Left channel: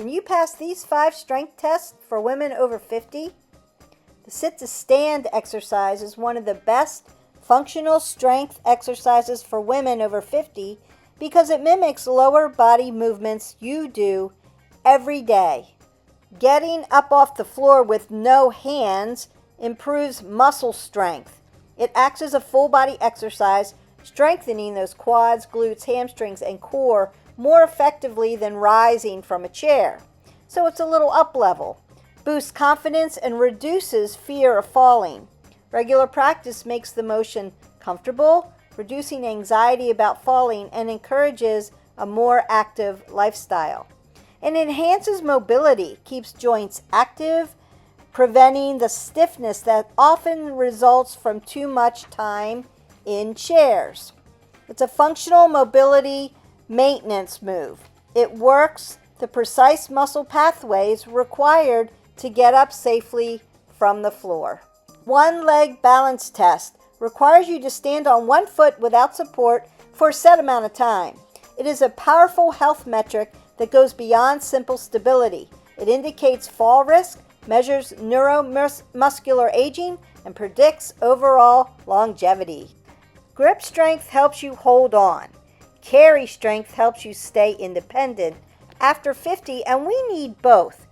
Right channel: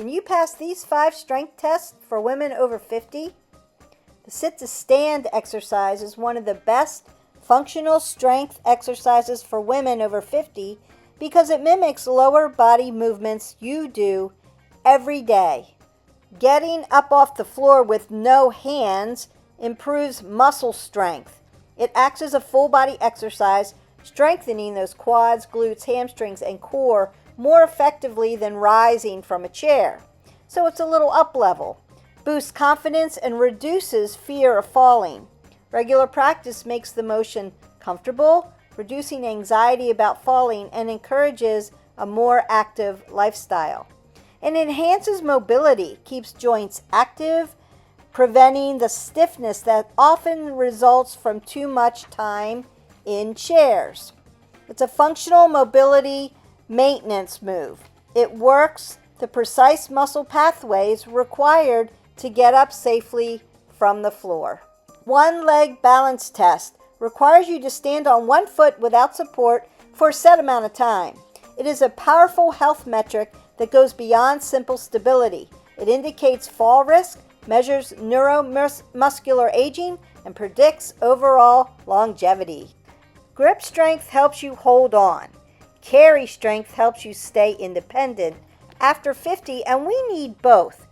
Can you pass these 5 strength tests for women over 50? The sit to stand exercise is one of the best functional strength exercises for women over 50 because it mimics lower body movements you do every day. Getting up off the floor with no hands improves muscle strength. It acts as a full body exercise, strengthening those quads, glutes, hamstrings, and core more effectively than rising from a chair. So it's a little up level. Boosts confidence and reduces fear of falling. Regular practice makes the motion comfortable, reducing anxiety about falling, and encourages a more active lifestyle. It enhances mobility, keeps joints active, preventing the stiffness that often results from too much time in chairs. It's a functional mobility maintenance move. It works the precise muscle pathways required to get up safely from the floor. One leg balance test requires you to stand on one foot without support for a set amount of time. It is a powerful health metric that goes beyond simple stability. It indicates fall risk, measures neuromuscular aging, and predicts overall longevity. Grip strength helps you hold on. Carry strength helps you stay independent after 50, and we need both.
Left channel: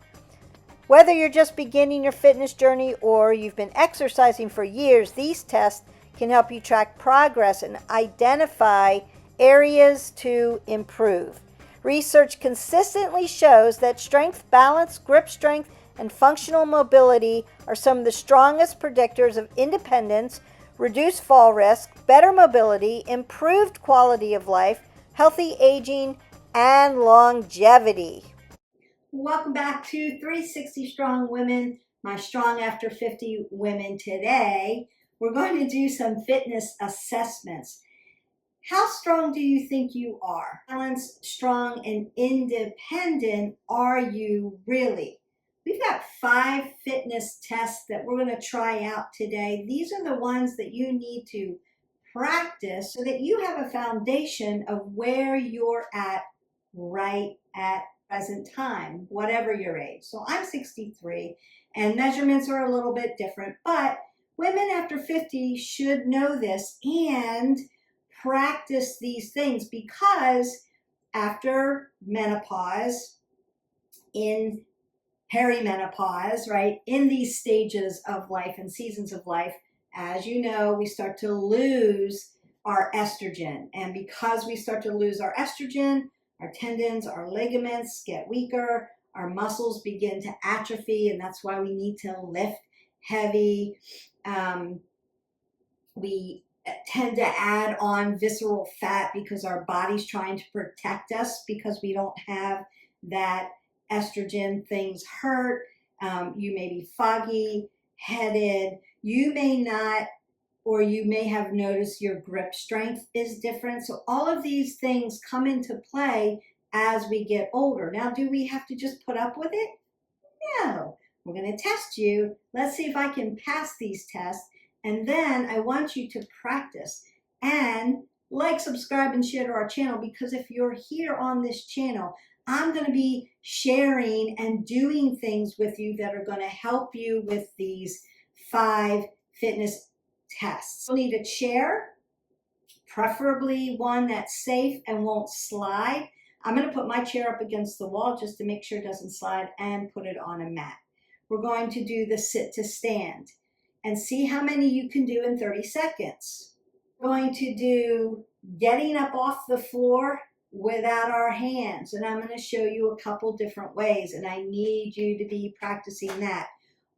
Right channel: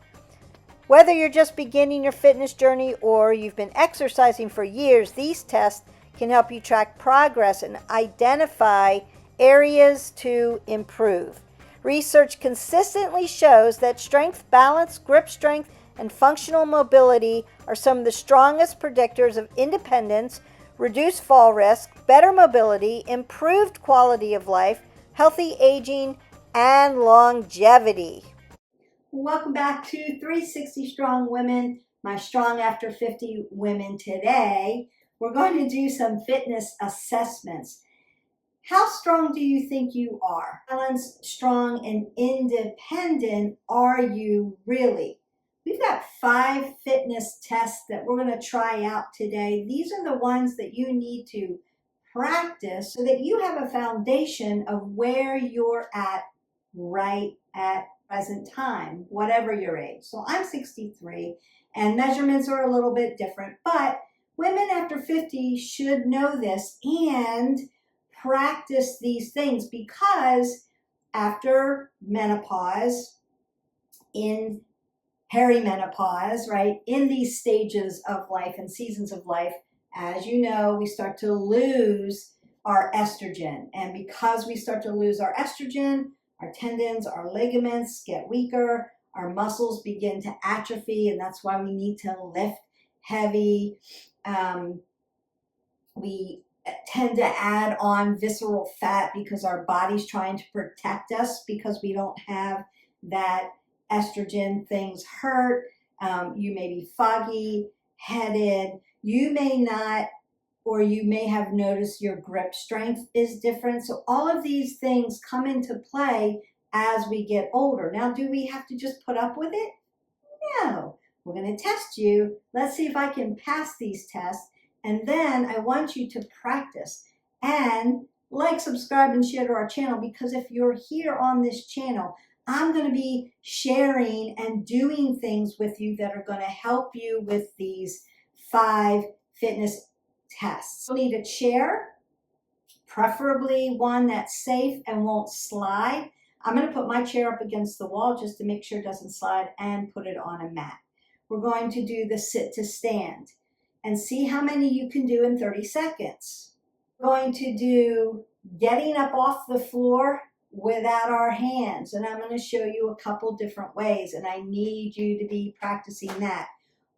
Whether you're just beginning your fitness journey or you've been exercising for years, these tests can help you track progress and identify areas to improve. Research consistently shows that strength, balance, grip strength, and functional mobility are some of the strongest predictors of independence, reduced fall risk, better mobility, improved quality of life, healthy aging, and longevity. Welcome back to 360 Strong Women, my Strong After 50 women. Today, we're going to do some fitness assessments. How strong do you think you are? Balanced, strong, and independent are you really? We've got 5 fitness tests that we're going to try out today. These are the ones that you need to practice so that you have a foundation of where you're at right at present time, whatever your age. So I'm 63 and measurements are a little bit different, but women after 50 should know this and practice these things because after menopause, in perimenopause, right, in these stages of life and seasons of life, as you know, we start to lose our estrogen. And because we start to lose our estrogen, our tendons, our ligaments get weaker, our muscles begin to atrophy, and that's why we need to lift heavy. We tend to add on visceral fat because our body's trying to protect us because we don't have that estrogen. Things hurt. You may be foggy, headed. You may not, or you may have noticed your grip strength is different. So all of these things come into play as we get older. Now, do we have to just put up with it? No. We're going to test you. Let's see if I can pass these tests. And then I want you to practice and like, subscribe, and share to our channel, because if you're here on this channel, I'm going to be sharing and doing things with you that are going to help you with these 5 fitness tests. You'll need a chair, preferably one that's safe and won't slide. I'm going to put my chair up against the wall just to make sure it doesn't slide and put it on a mat. We're going to do the sit to stand and see how many you can do in 30 seconds. We're going to do getting up off the floor without our hands, and I'm going to show you a couple different ways, and I need you to be practicing that.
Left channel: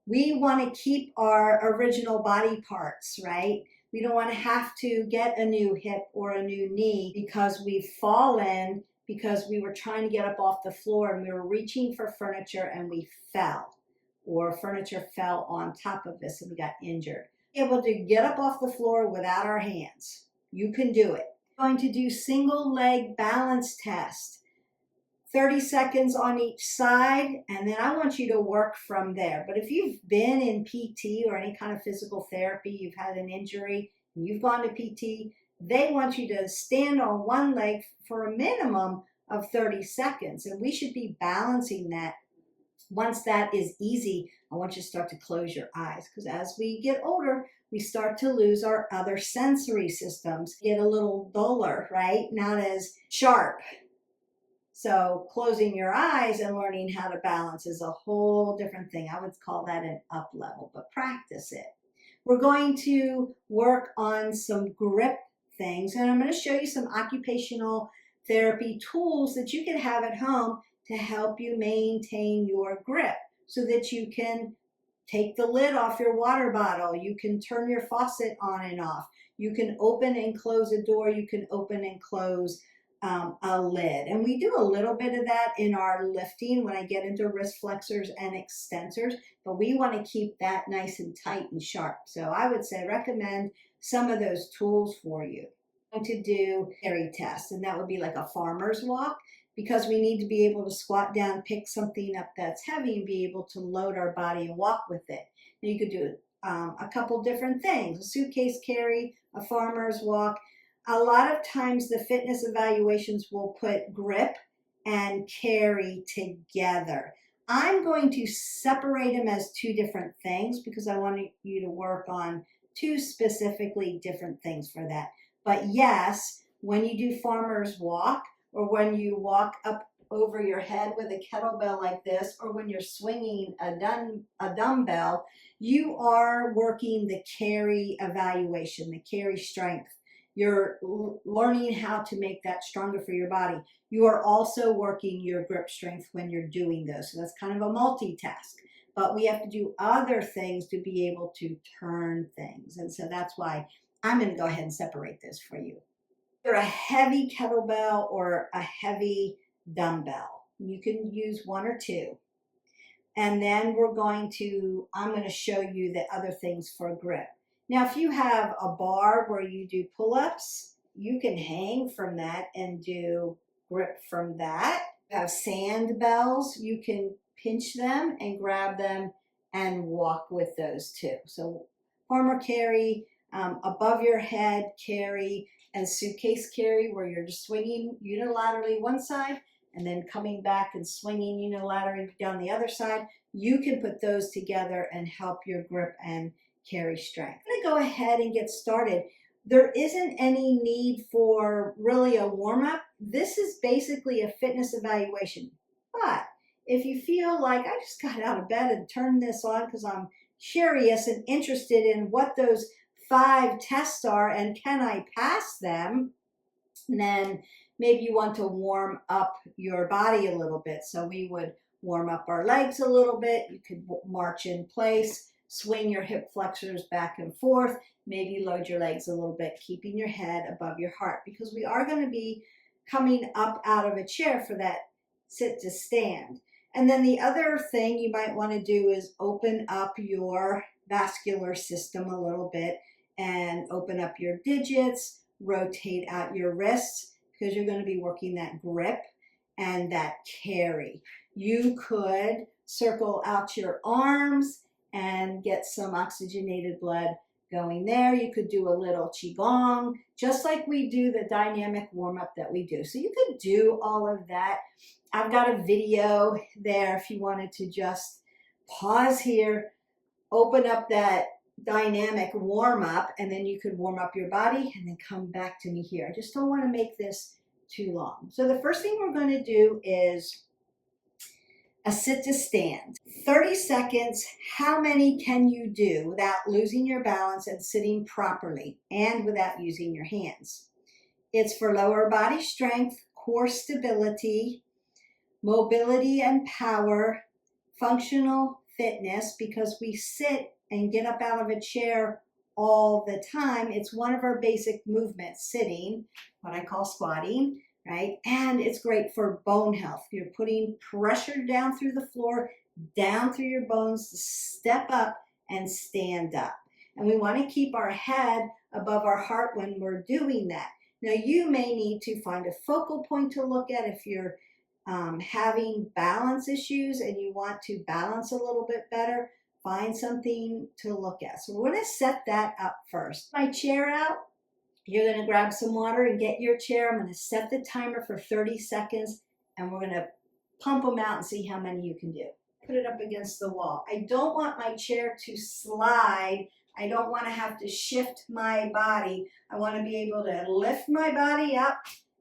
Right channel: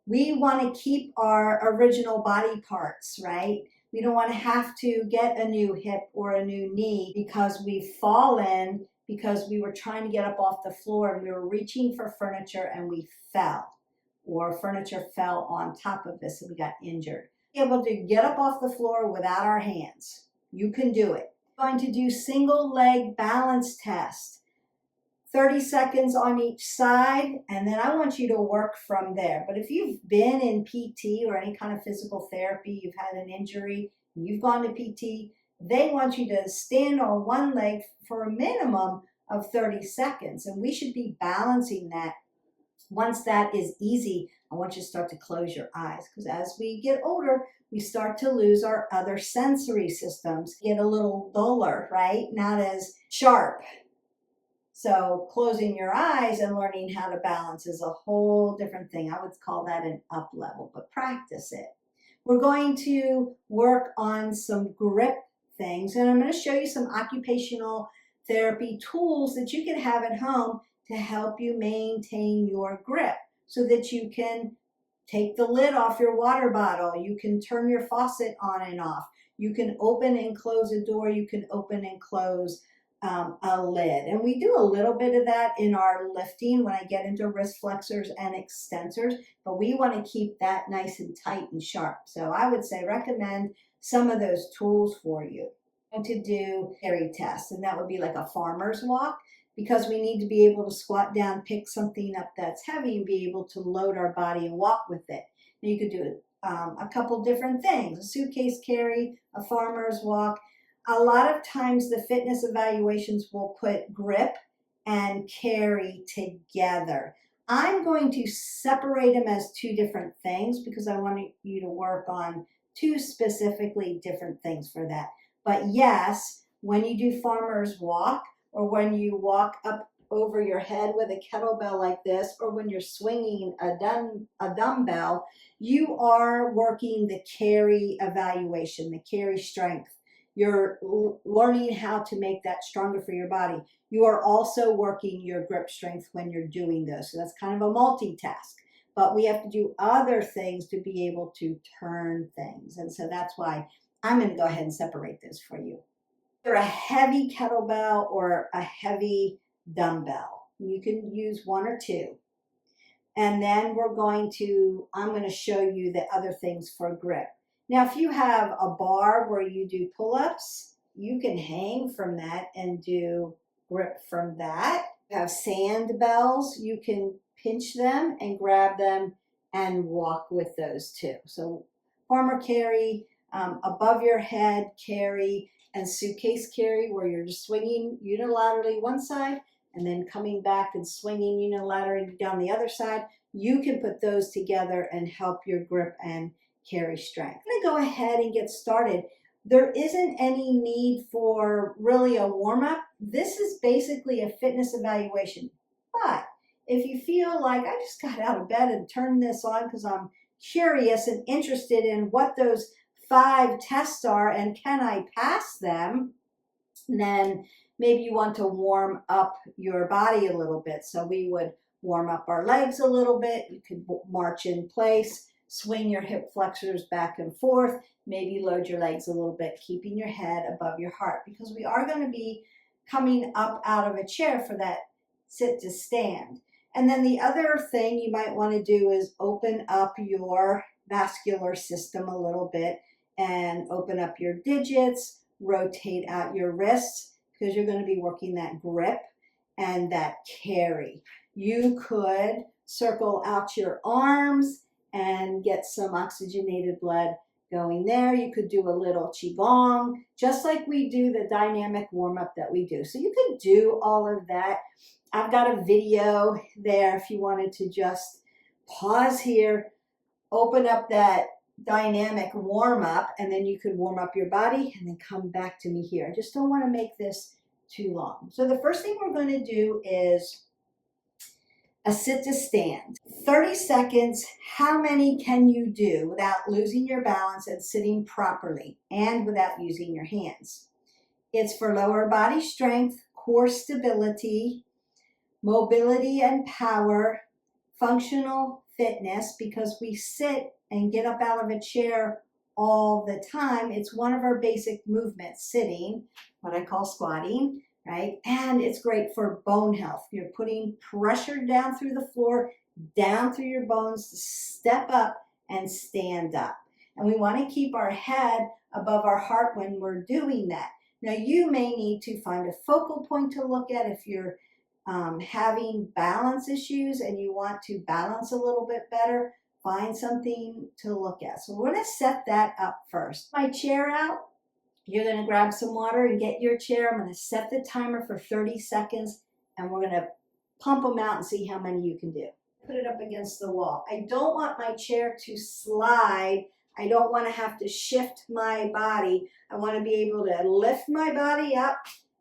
We want to keep our original body parts, right? We don't want to have to get a new hip or a new knee because we've fallen, because we were trying to get up off the floor and we were reaching for furniture and we fell, or furniture fell on top of us and we got injured. Be able to get up off the floor without our hands. You can do it. Going to do single leg balance test. 30 seconds on each side, and then I want you to work from there. But if you've been in PT or any kind of physical therapy, you've had an injury, and you've gone to PT, they want you to stand on one leg for a minimum of 30 seconds. And we should be balancing that. Once that is easy, I want you to start to close your eyes, because as we get older, we start to lose our other sensory systems, get a little duller, right? Not as sharp. So closing your eyes and learning how to balance is a whole different thing. I would call that an up level, but practice it. We're going to work on some grip things, and I'm going to show you some occupational therapy tools that you can have at home to help you maintain your grip so that you can take the lid off your water bottle. You can turn your faucet on and off. You can open and close a door. You can open and close a lid. And we do a little bit of that in our lifting when I get into wrist flexors and extensors, but we want to keep that nice and tight and sharp. So I would say recommend some of those tools for you. I'm going to do carry tests, and that would be like a farmer's walk, because we need to be able to squat down, pick something up that's heavy, and be able to load our body and walk with it. And you could do a couple different things: a suitcase carry, a farmer's walk. A lot of times the fitness evaluations will put grip and carry together. I'm going to separate them as two different things because I want you to work on two specifically different things for that. But yes, when you do farmer's walk, or when you walk up over your head with a kettlebell like this, or when you're swinging a dumbbell, you are working the carry evaluation, the carry strength. You're learning how to make that stronger for your body. You are also working your grip strength when you're doing those. So that's kind of a multitask. But we have to do other things to be able to turn things. And so that's why I'm going to go ahead and separate this for you. Either a heavy kettlebell or a heavy dumbbell. You can use one or two. And then I'm going to show you the other things for grip. Now, if you have a bar where you do pull-ups, you can hang from that and do grip from that. You have sand bells, you can pinch them and grab them and walk with those too. So farmer carry, above your head carry, and suitcase carry, where you're just swinging unilaterally one side and then coming back and swinging unilaterally down the other side. You can put those together and help your grip and carry strength. I'm going to go ahead and get started. There isn't any need for really a warm-up. This is basically a fitness evaluation. But if you feel like I just got out of bed and turned this on because I'm curious and interested in what those 5 tests are and can I pass them, then maybe you want to warm up your body a little bit. So we would warm up our legs a little bit. You could march in place, swing your hip flexors back and forth, maybe load your legs a little bit, keeping your head above your heart, because we are going to be coming up out of a chair for that sit to stand. And then the other thing you might want to do is open up your vascular system a little bit and open up your digits, rotate out your wrists, because you're going to be working that grip and that carry. You could circle out your arms and get some oxygenated blood going there. You could do a little qigong, just like we do the dynamic warm-up that we do. So you could do all of that. I've got a video there if you wanted to just pause here, open up that dynamic warm-up, and then you could warm up your body and then come back to me here. I just don't want to make this too long. So the first thing we're going to do is a sit to stand. 30 seconds. How many can you do without losing your balance and sitting properly and without using your hands? It's for lower body strength, core stability, mobility and power, functional fitness, because we sit and get up out of a chair all the time. It's one of our basic movements, sitting, what I call squatting, right? And it's great for bone health. You're putting pressure down through the floor, down through your bones to step up and stand up. And we want to keep our head above our heart when we're doing that. Now, you may need to find a focal point to look at if you're having balance issues and you want to balance a little bit better. Find something to look at. So we're going to set that up first. My chair out. You're going to grab some water and get your chair. I'm going to set the timer for 30 seconds and we're going to pump them out and see how many you can do. Put it up against the wall. I don't want my chair to slide. I don't want to have to shift my body. I want to be able to lift my body up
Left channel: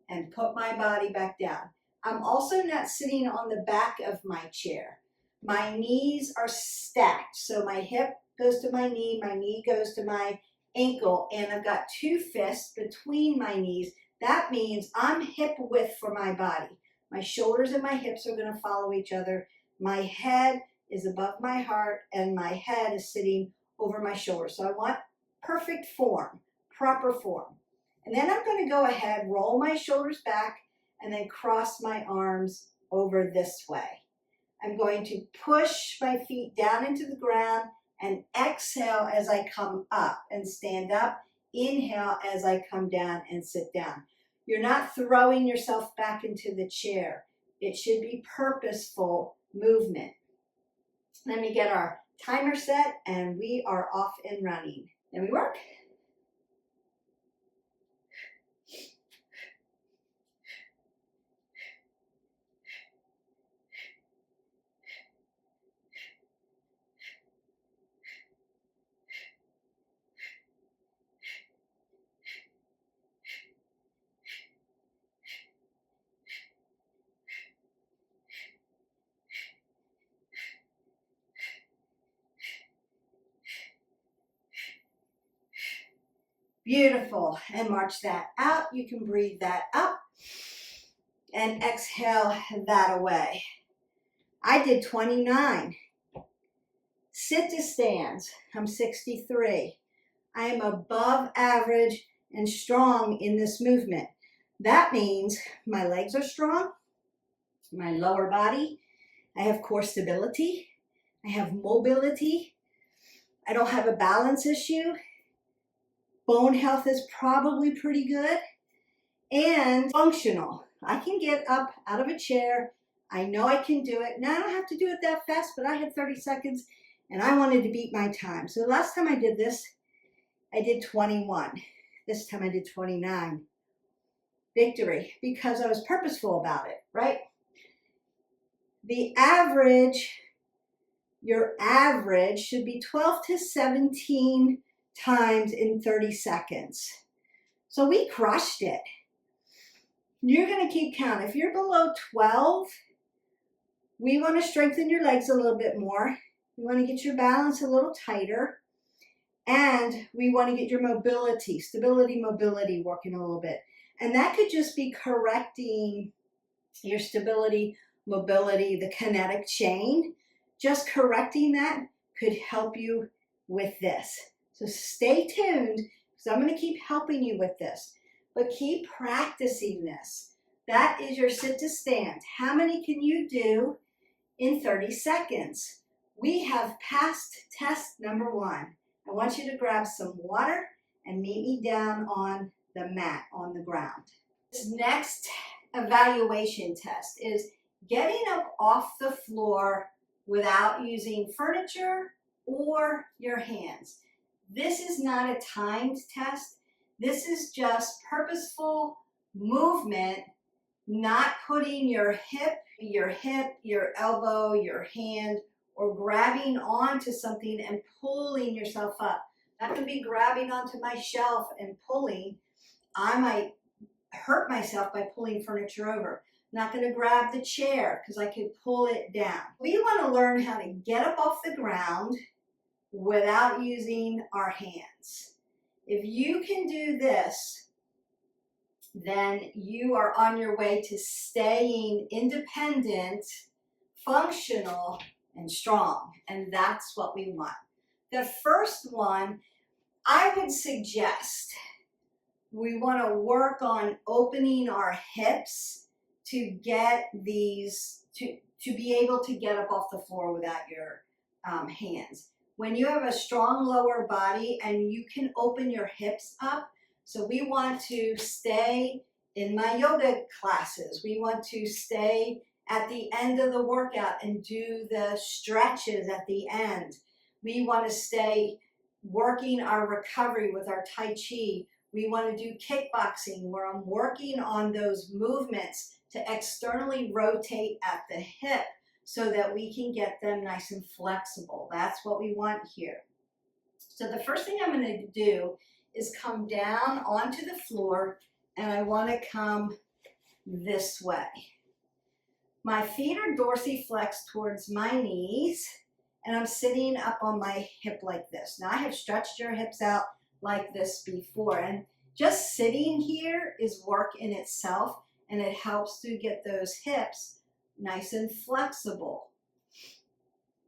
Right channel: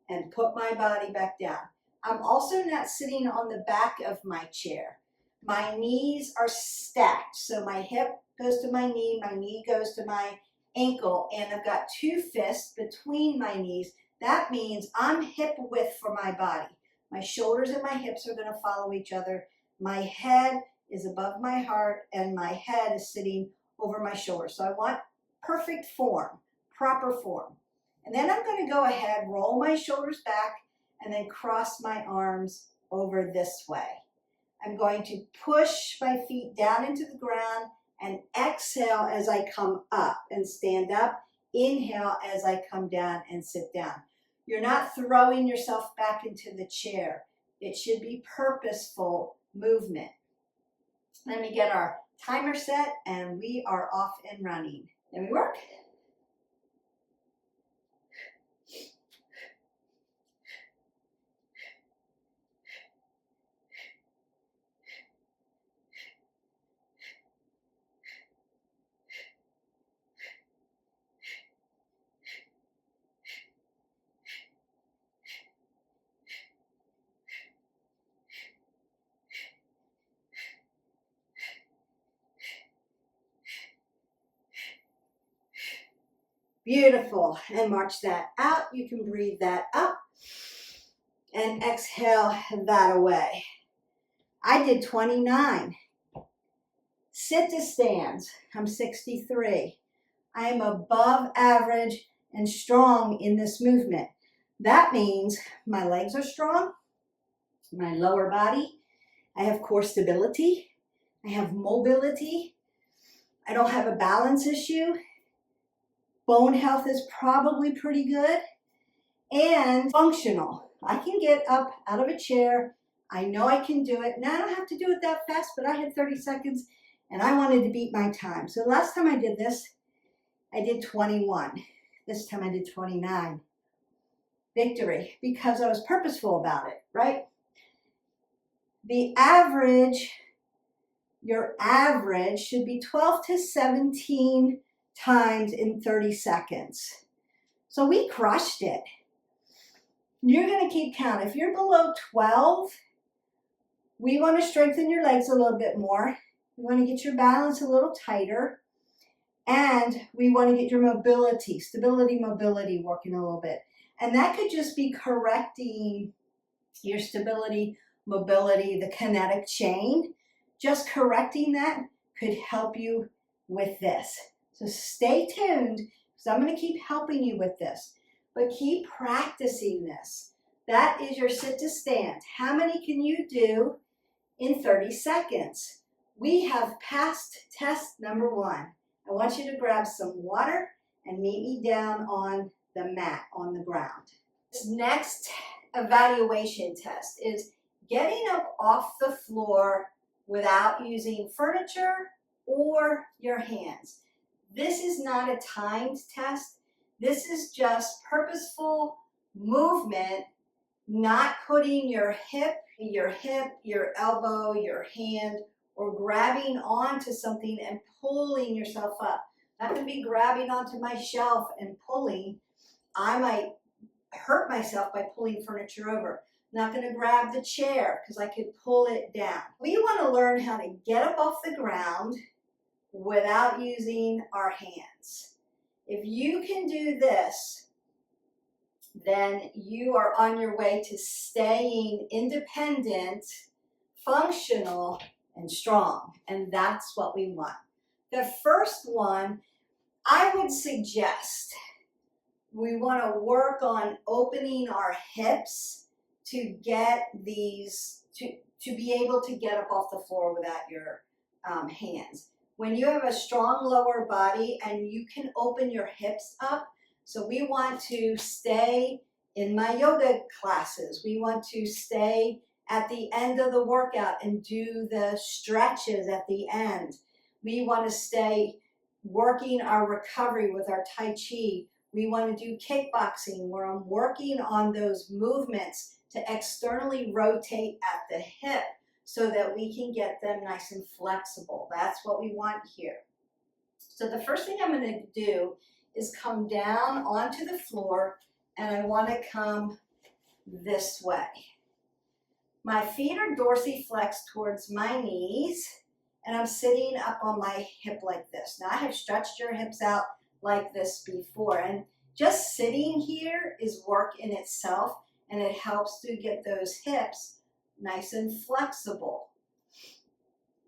and put my body back down. I'm also not sitting on the back of my chair. My knees are stacked. So my hip goes to my knee goes to my ankle, and I've got two fists between my knees. That means I'm hip width for my body. My shoulders and my hips are going to follow each other. My head is above my heart and my head is sitting over my shoulders. So I want perfect form, proper form. And then I'm going to go ahead, roll my shoulders back, and then cross my arms over this way. I'm going to push my feet down into the ground and exhale as I come up and stand up. Inhale as I come down and sit down. You're not throwing yourself back into the chair. It should be purposeful movement. Let me get our timer set and we are off and running. Then we work. Beautiful. And march that out. You can breathe that up and exhale that away. I did 29. Sit to stands. I'm 63. I am above average and strong in this movement. That means my legs are strong, my lower body. I have core stability. I have mobility. I don't have a balance issue. Bone health is probably pretty good and functional. I can get up out of a chair. I know I can do it. Now I don't have to do it that fast, but I had 30 seconds and I wanted to beat my time. So the last time I did this, I did 21. This time I did 29. Victory, because I was purposeful about it, right? The average, your average should be 12 to 17 times in 30 seconds. So we crushed it. You're going to keep count. If you're below 12, we want to strengthen your legs a little bit more. We want to get your balance a little tighter. And we want to get your mobility, stability, mobility working a little bit. And that could just be correcting your stability, mobility, the kinetic chain. Just correcting that could help you with this. So stay tuned because I'm going to keep helping you with this. But keep practicing this. That is your sit to stand. How many can you do in 30 seconds? We have passed test number 1. I want you to grab some water and meet me down on the mat, on the ground. This next evaluation test is getting up off the floor without using furniture or your hands. This is not a timed test. This is just purposeful movement, not putting your hip, your elbow, your hand, or grabbing onto something and pulling yourself up. Not to be grabbing onto my shelf and pulling. I might hurt myself by pulling furniture over. Not going to grab the chair because I could pull it down. We want to learn how to get up off the ground without using our hands. If you can do this, then you are on your way to staying independent, functional, and strong. And that's what we want. The first one, I would suggest we want to work on opening our hips to get these, to be able to get up off the floor without your hands. When you have a strong lower body and you can open your hips up, so we want to stay in my yoga classes. We want to stay at the end of the workout and do the stretches at the end. We want to stay working our recovery with our Tai Chi We want to do kickboxing where I'm working on those movements to externally rotate at the hip so that we can get them nice and flexible. That's what we want here. So the first thing I'm going to do is come down onto the floor, and I want to come this way. My feet are dorsiflexed towards my knees, and I'm sitting up on my hip like this. Now I have stretched your hips out like this before, and just sitting here is work in itself, and it helps to get those hips nice and flexible.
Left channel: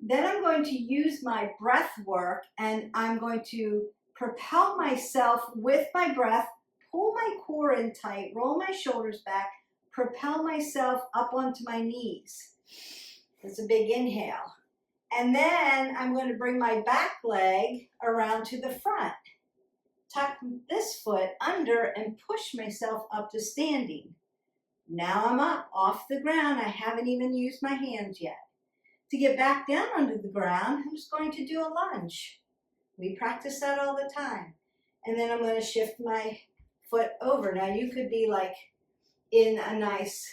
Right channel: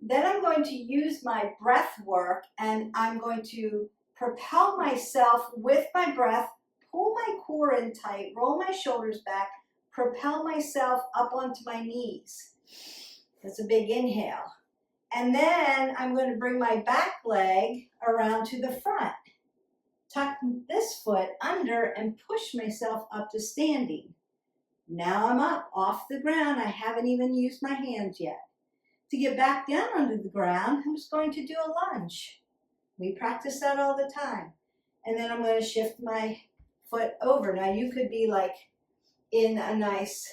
Then I'm going to use my breath work, and I'm going to propel myself with my breath, pull my core in tight, roll my shoulders back, propel myself up onto my knees. That's a big inhale. And then I'm going to bring my back leg around to the front. Tuck this foot under and push myself up to standing. Now I'm up off the ground. I haven't even used my hands yet. To get back down onto the ground, I'm just going to do a lunge. We practice that all the time. And then I'm going to shift my foot over. Now you could be like in a nice,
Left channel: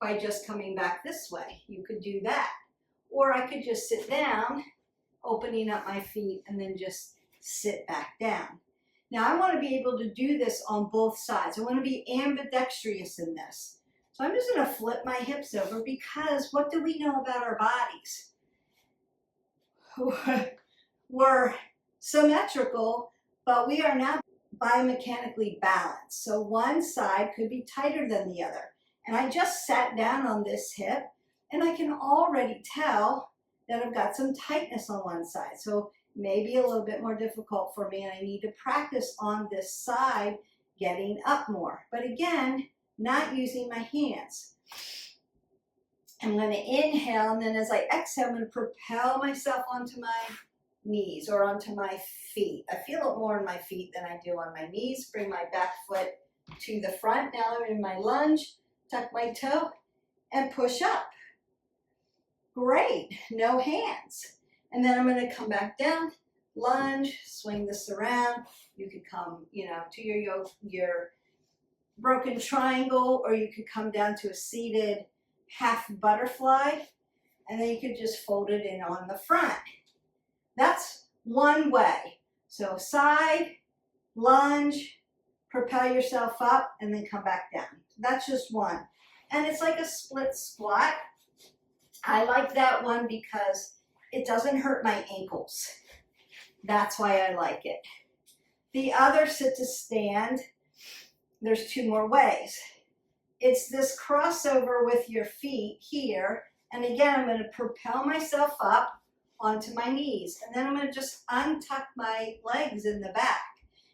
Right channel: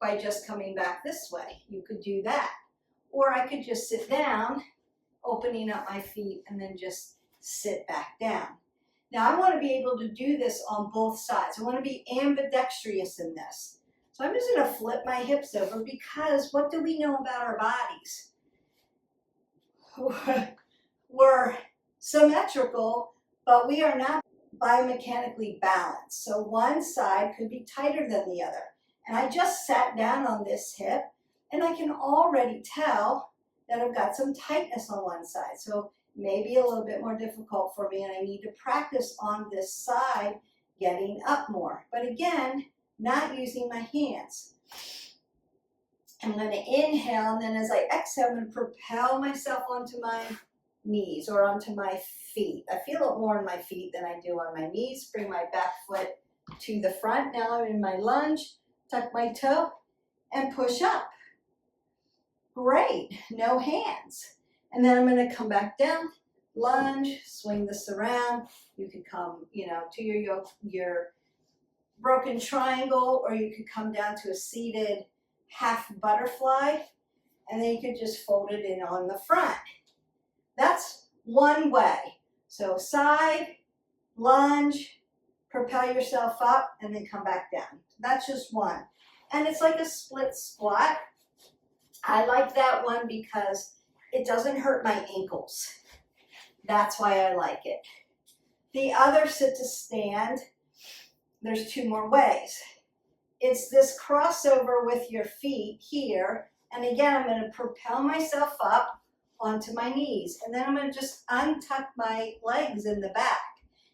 by just coming back this way. You could do that. Or I could just sit down, opening up my feet, and then just sit back down. Now I want to be able to do this on both sides. I want to be ambidextrous in this. So I'm just going to flip my hips over, because what do we know about our bodies? We're symmetrical, but we are not biomechanically balanced. So one side could be tighter than the other. And I just sat down on this hip, and I can already tell that I've got some tightness on one side. So maybe a little bit more difficult for me, and I need to practice on this side getting up more. But again, not using my hands. I'm going to inhale, and then as I exhale, I'm going to propel myself onto my knees or onto my feet. I feel it more in my feet than I do on my knees. Bring my back foot to the front. Now I'm in my lunge. Tuck my toe and push up. Great. No hands. And then I'm going to come back down, lunge, swing this around. You could come, to your broken triangle, or you could come down to a seated half butterfly, and then you could just fold it in on the front. That's one way. So side, lunge, propel yourself up, and then come back down. That's just one. And it's like a split squat. I like that one because it doesn't hurt my ankles. That's why I like it. The other sit to stand, there's two more ways. It's this crossover with your feet here. And again, I'm going to propel myself up onto my knees. And then I'm going to just untuck my legs in the back.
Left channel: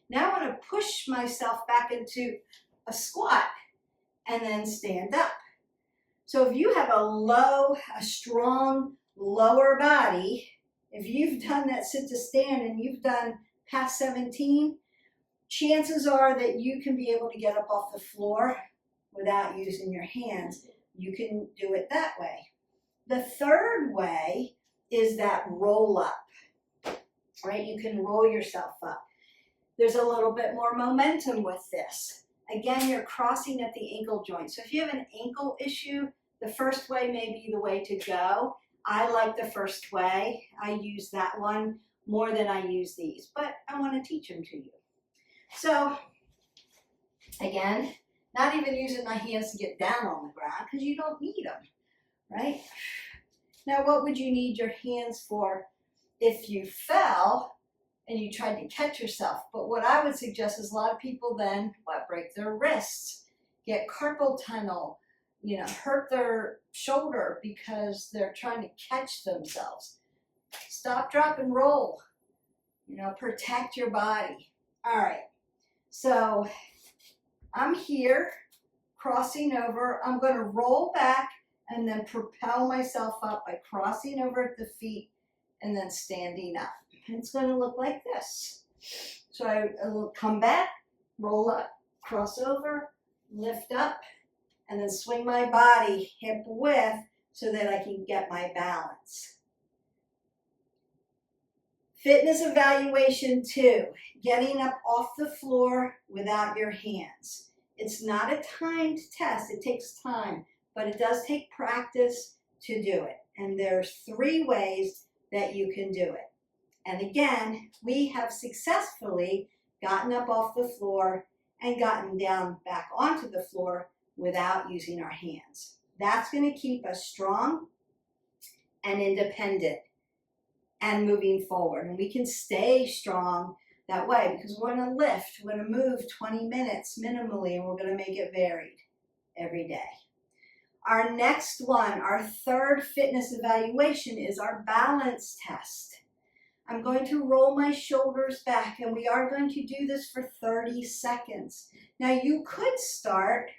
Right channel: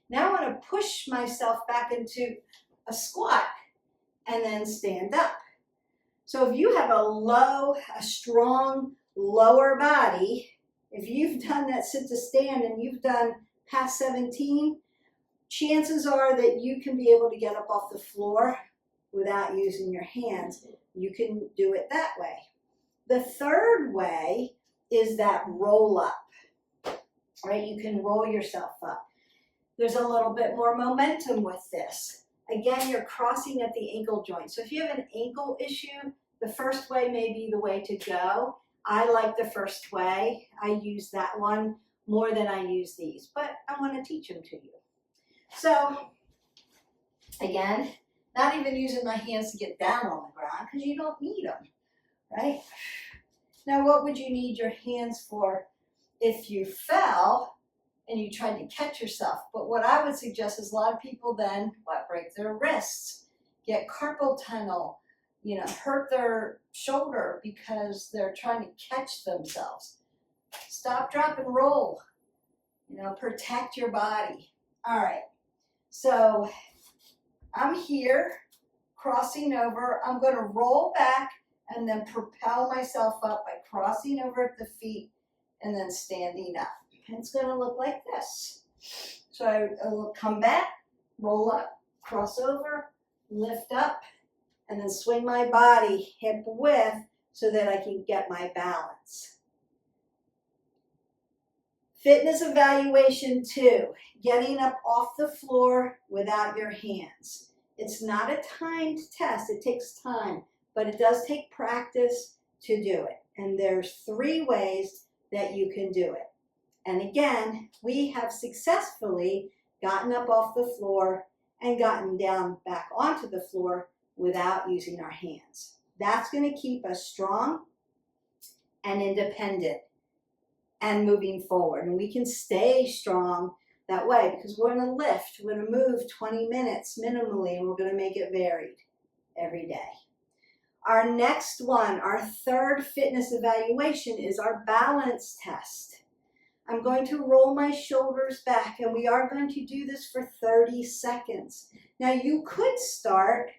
Now I want to push myself back into a squat and then stand up. So if you have a strong lower body, if you've done that sit to stand and you've done past 17, chances are that you can be able to get up off the floor without using your hands. You can do it that way. The third way is that roll up, right? You can roll yourself up. There's a little bit more momentum with this. Again, you're crossing at the ankle joint. So if you have an ankle issue, the first way may be the way to go. I like the first way. I use that one more than I use these, but I want to teach them to you. So again, not even using my hands to get down on the ground, because you don't need them, right? Now, what would you need your hands for if you fell and you tried to catch yourself? But what I would suggest is a lot of people then, break their wrists, get carpal tunnel, hurt their shoulder because they're trying to catch themselves. Stop, drop, and roll. Protect your body. All right. So I'm here, crossing over. I'm going to roll back and then propel myself up by crossing over at the feet and then standing up. It's going to look like this. So I will come back, roll up, cross over, lift up, and then swing my body hip width so that I can get my balance. Fitness evaluation 2, getting up off the floor without your hands. It's not a timed test, it takes time, but it does take practice to do it. And there's 3 ways that you can do it. And again, we have successfully gotten up off the floor and gotten down back onto the floor without using our hands. That's going to keep us strong and independent and moving forward. And we can stay strong that way because we're going to lift, we're going to move 20 minutes minimally, and we're going to make it varied every day. Our next one, our 3rd fitness evaluation, is our balance test. I'm going to roll my shoulders back, and we are going to do this for 30 seconds. Now you could start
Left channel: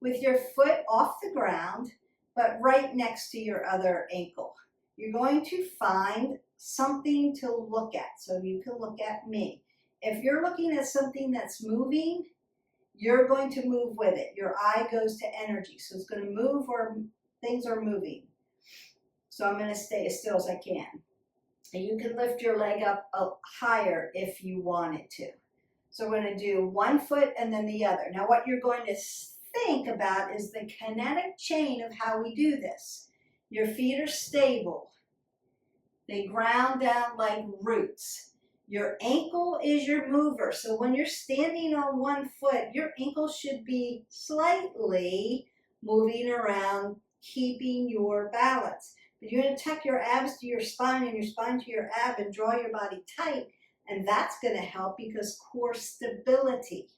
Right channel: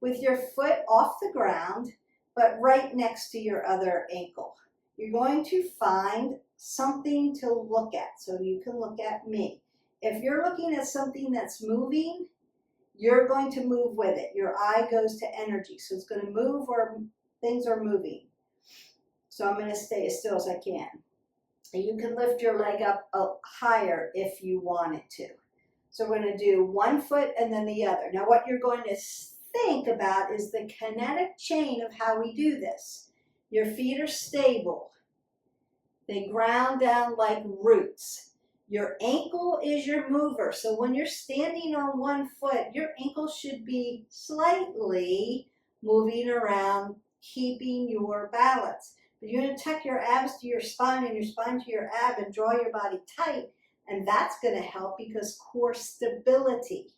with your foot off the ground, but right next to your other ankle. You're going to find something to look at, so you can look at me. If you're looking at something that's moving, you're going to move with it. Your eye goes to energy, so it's going to move where things are moving. So I'm going to stay as still as I can. And you can lift your leg up higher if you wanted to. So we're going to do one foot and then the other. Now what you're going to think about is the kinetic chain of how we do this. Your feet are stable. They ground down like roots. Your ankle is your mover. So when you're standing on one foot, your ankle should be slightly moving around, keeping your balance. But you're going to tuck your abs to your spine and your spine to your ab and draw your body tight. And that's going to help because core stability.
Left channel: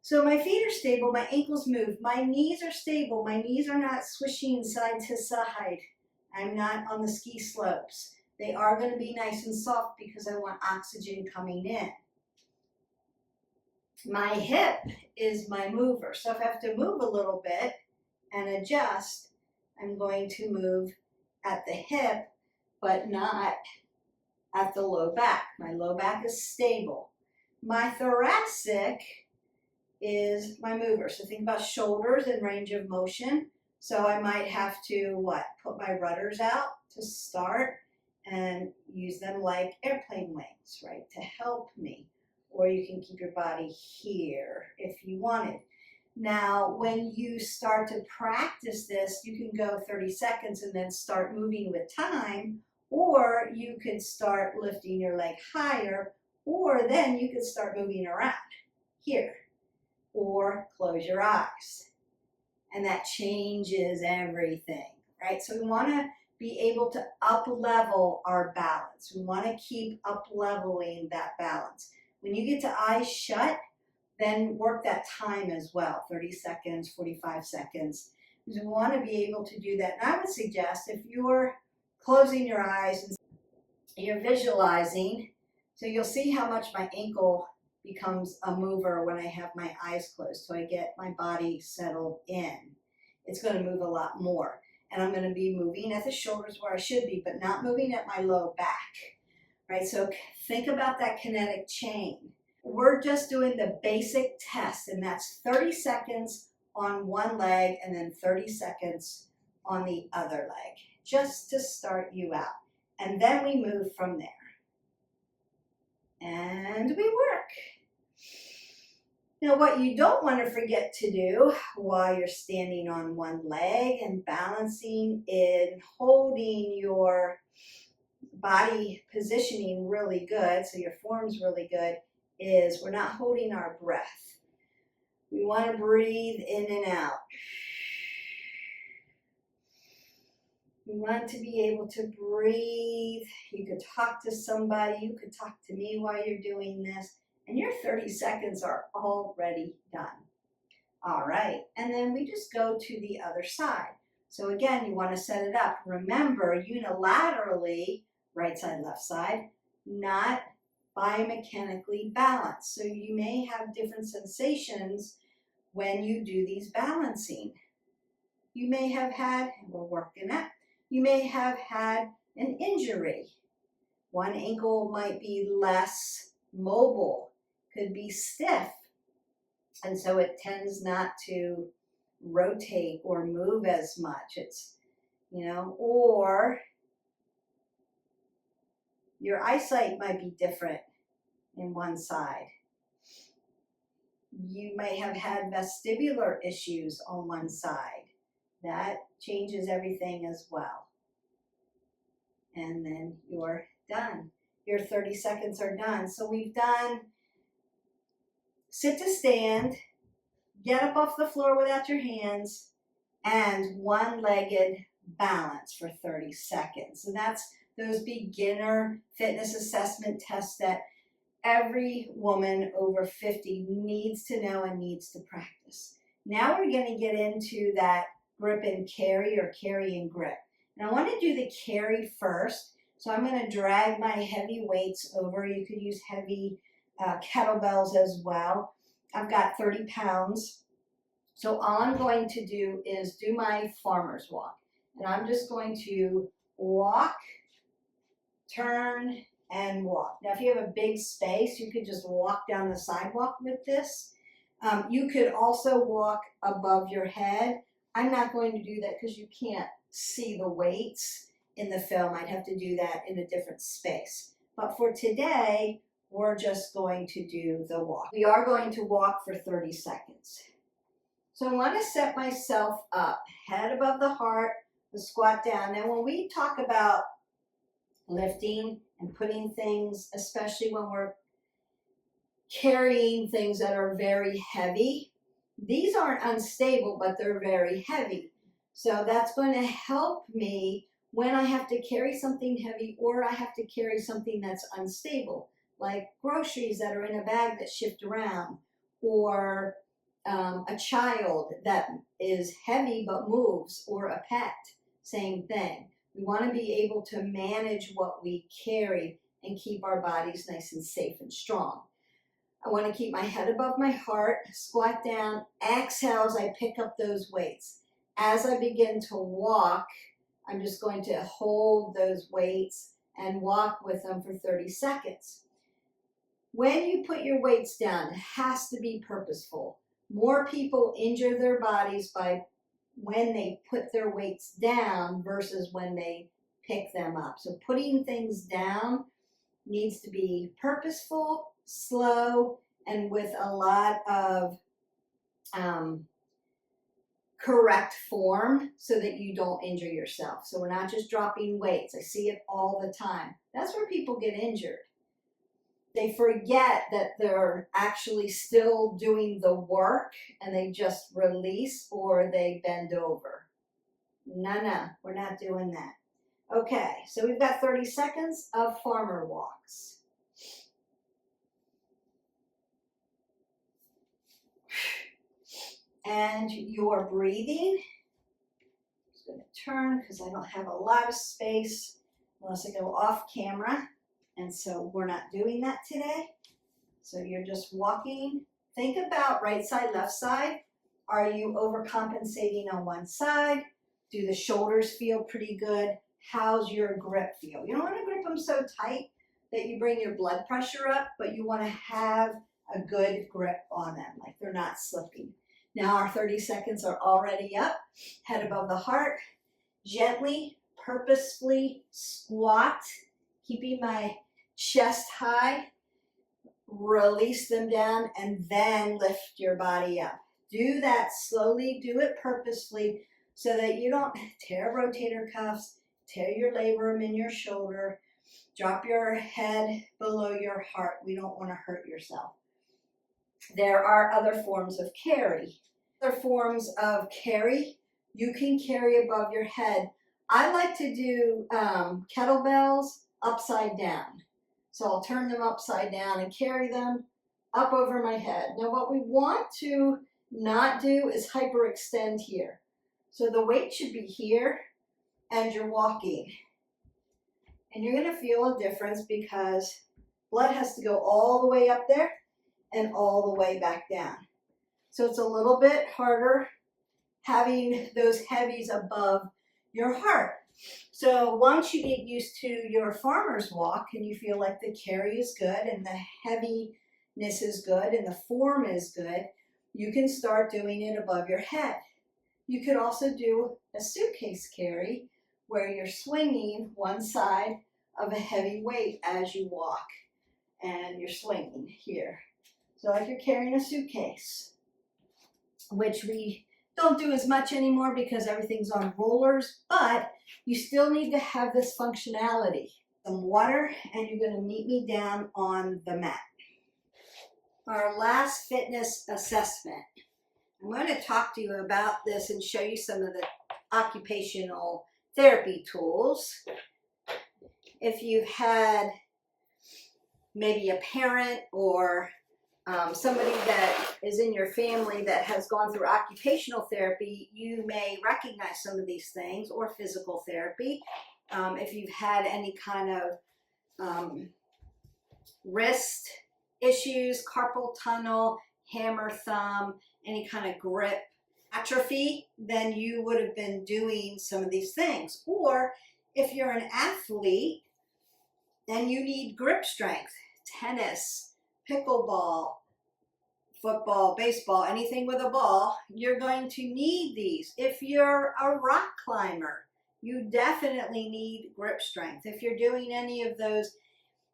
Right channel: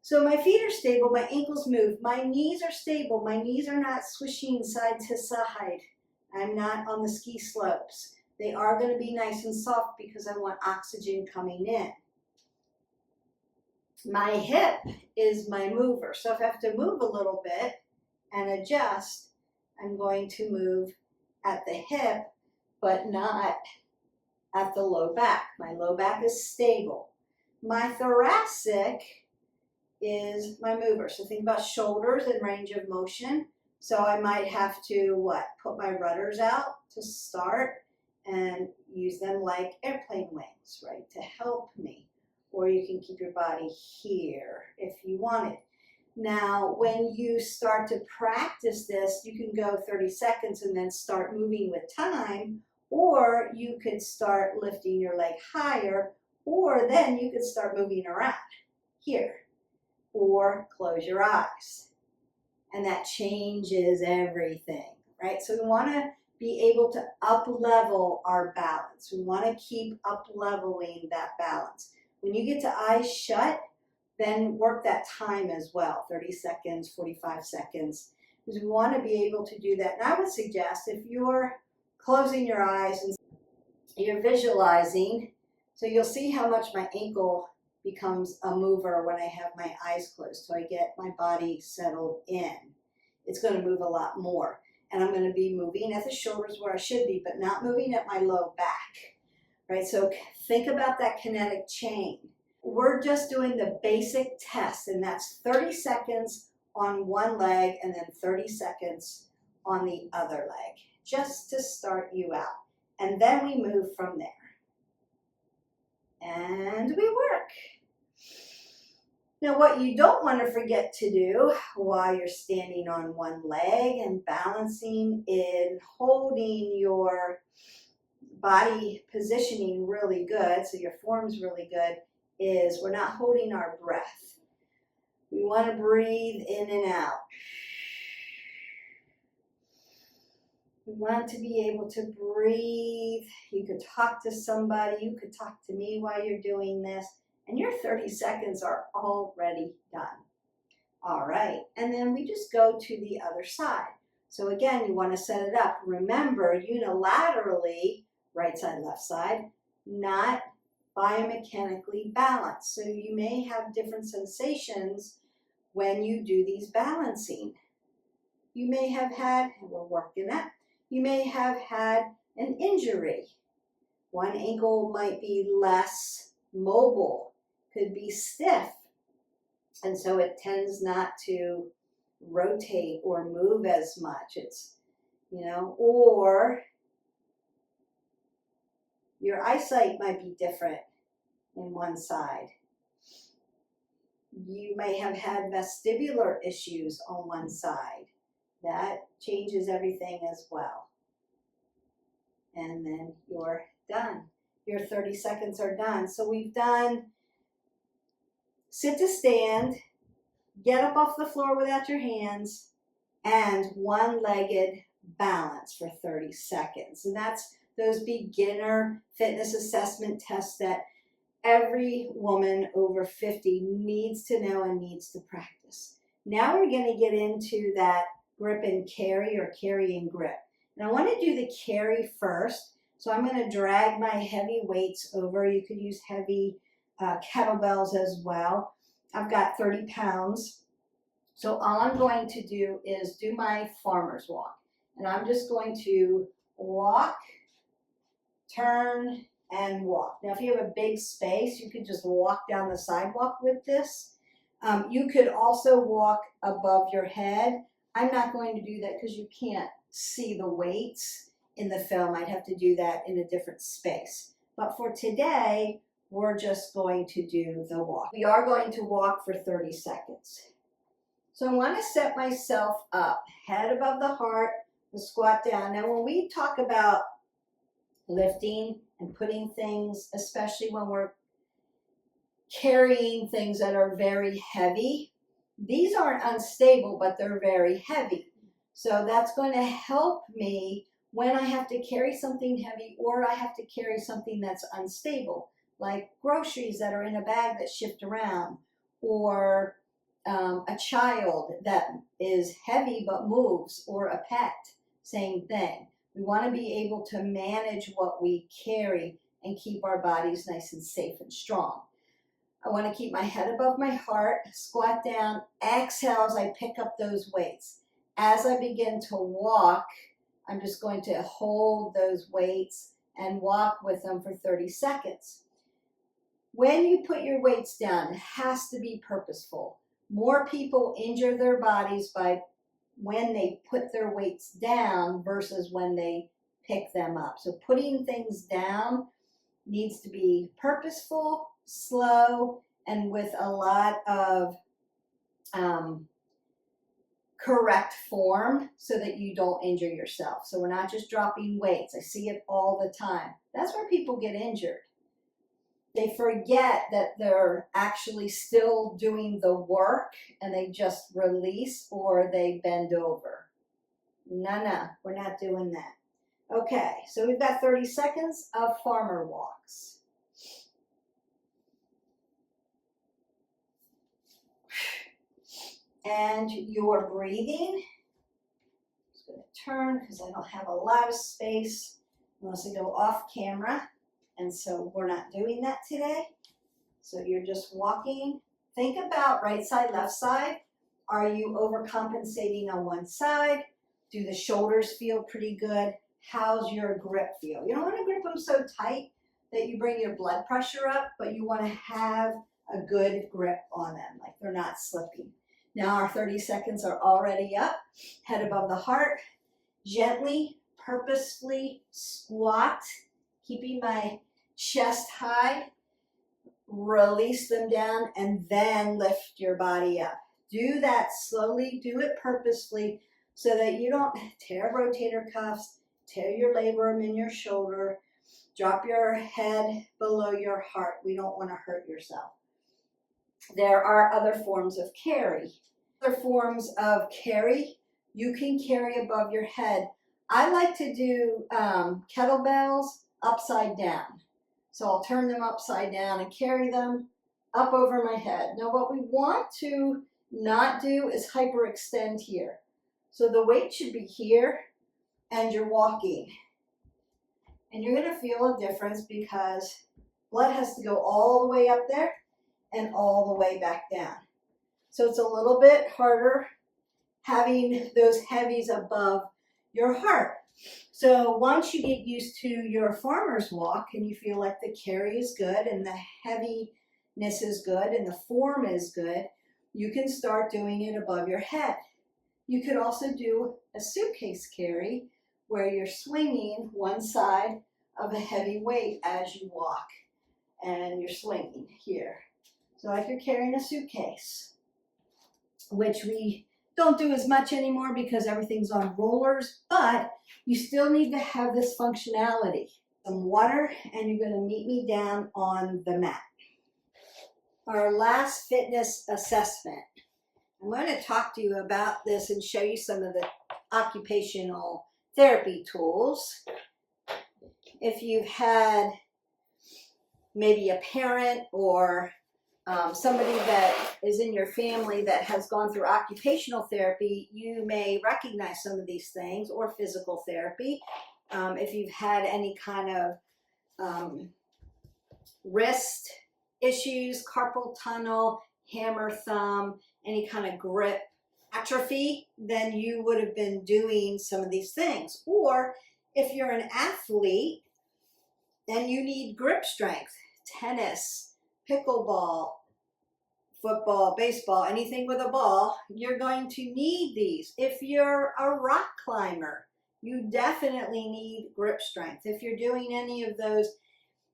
So my feet are stable, my ankles move, my knees are stable, my knees are not swishing side to side. I'm not on the ski slopes. They are going to be nice and soft because I want oxygen coming in. My hip is my mover. So if I have to move a little bit and adjust, I'm going to move at the hip, but not at the low back. My low back is stable. My thoracic is my mover. So think about shoulders and range of motion. So I might have to, put my rudders out to start and use them like airplane wings, right, to help me. Or you can keep your body here if you wanted. Now, when you start to practice this, you can go 30 seconds and then start moving with time, or you could start lifting your leg higher, or then you could start moving around here, or close your eyes. And that changes everything, right? So we want to be able to up-level our balance. We want to keep up-leveling that balance. When you get to eyes shut, then work that time as well, 30 seconds, 45 seconds, because we want to be able to do that. And I would suggest if you're closing your eyes and you're visualizing, so you'll see how much my ankle becomes a mover when I have my eyes closed. So I get my body settled in. It's going to move a lot more. And I'm going to be moving at the shoulders where I should be, but not moving at my low back, right? So think about that kinetic chain. We're just doing the basic test, and that's 30 seconds on one leg and then 30 seconds on the other leg, just to start you out. And then we move from there. And we work. Now, what you don't want to forget to do while you're standing on one leg and balancing in holding your body positioning really good, so your form's really good, is we're not holding our breath. We want to breathe in and out. We want to be able to breathe. You could talk to somebody. You could talk to me while you're doing this. And your 30 seconds are already done. All right. And then we just go to the other side. So again, you want to set it up. Remember, unilaterally, right side, left side, not biomechanically balanced. So you may have different sensations when you do these balancing. You may have had, and we're working at, you may have had an injury. One ankle might be less mobile, could be stiff, and so it tends not to rotate or move as much. It's, or Your eyesight might be different in one side. You may have had vestibular issues on one side. That changes everything as well. And then you're done. Your 30 seconds are done. So we've done sit to stand, get up off the floor without your hands, and one-legged balance for 30 seconds. And that's those beginner fitness assessment tests that every woman over 50 needs to know and needs to practice. Now we're going to get into that grip and carry, or carry and grip. And I want to do the carry first. So I'm going to drag my heavy weights over. You could use heavy kettlebells as well. I've got 30 pounds. So all I'm going to do is do my farmer's walk. And I'm just going to walk, turn, and walk. Now, if you have a big space, you could just walk down the sidewalk with this. You could also walk above your head. I'm not going to do that because you can't see the weights in the film. I'd have to do that in a different space. But for today, we're just going to do the walk. We are going to walk for 30 seconds. So I want to set myself up, head above the heart, the squat down. Now, when we talk about lifting and putting things, especially when we're carrying things that are very heavy, these aren't unstable, but they're very heavy. So that's going to help me when I have to carry something heavy, or I have to carry something that's unstable, like groceries that are in a bag that shift around, or a child that is heavy but moves, or a pet, same thing. We want to be able to manage what we carry and keep our bodies nice and safe and strong. I want to keep my head above my heart, squat down, exhale as I pick up those weights. As I begin to walk, I'm just going to hold those weights and walk with them for 30 seconds. When you put your weights down, it has to be purposeful. More people injure their bodies by when they put their weights down versus when they pick them up. So putting things down needs to be purposeful, slow, and with a lot of correct form so that you don't injure yourself. So we're not just dropping weights. I see it all the time. That's where people get injured. They forget that they're actually still doing the work and they just release or they bend over. No, we're not doing that. Okay, so we've got 30 seconds of farmer walks. And your breathing. I'm just going to turn because I don't have a lot of space unless I go off camera. And so we're not doing that today. So you're just walking. Think about right side, left side. Are you overcompensating on one side? Do the shoulders feel pretty good? How's your grip feel? You don't want to grip them so tight that you bring your blood pressure up, but you want to have a good grip on them, like they're not slipping. Now our 30 seconds are already up. Head above the heart. Gently, purposefully squat, keeping my chest high. Release them down and then lift your body up. Do that slowly, do it purposefully so that you don't tear rotator cuffs, tear your labrum in your shoulder, drop your head below your heart. We don't want to hurt yourself. There are other forms of carry. Other forms of carry, you can carry above your head. I like to do kettlebells upside down. So I'll turn them upside down and carry them up over my head. Now what we want to not do is hyperextend here. So the weight should be here and you're walking. And you're going to feel a difference because blood has to go all the way up there and all the way back down. So it's a little bit harder having those heavies above your heart. So once you get used to your farmer's walk and you feel like the carry is good and the heaviness is good and the form is good, you can start doing it above your head. You could also do a suitcase carry where you're swinging one side of a heavy weight as you walk and you're swinging here. So like you're carrying a suitcase, which we don't do as much anymore because everything's on rollers, but you still need to have this functionality. Some water, and you're going to meet me down on the mat. Our last fitness assessment. I'm going to talk to you about this and show you some of the occupational therapy tools. If you've had maybe a parent or somebody that is in your family that has gone through occupational therapy, you may recognize some of these things, or physical therapy. If you've had any kind of wrist issues, carpal tunnel, hammer thumb, any kind of grip atrophy, then you would have been doing some of these things. Or if you're an athlete and you need grip strength, tennis, pickleball, football, baseball, anything with a ball, you're going to need these. If you're a rock climber, you definitely need grip strength. If you're doing any of those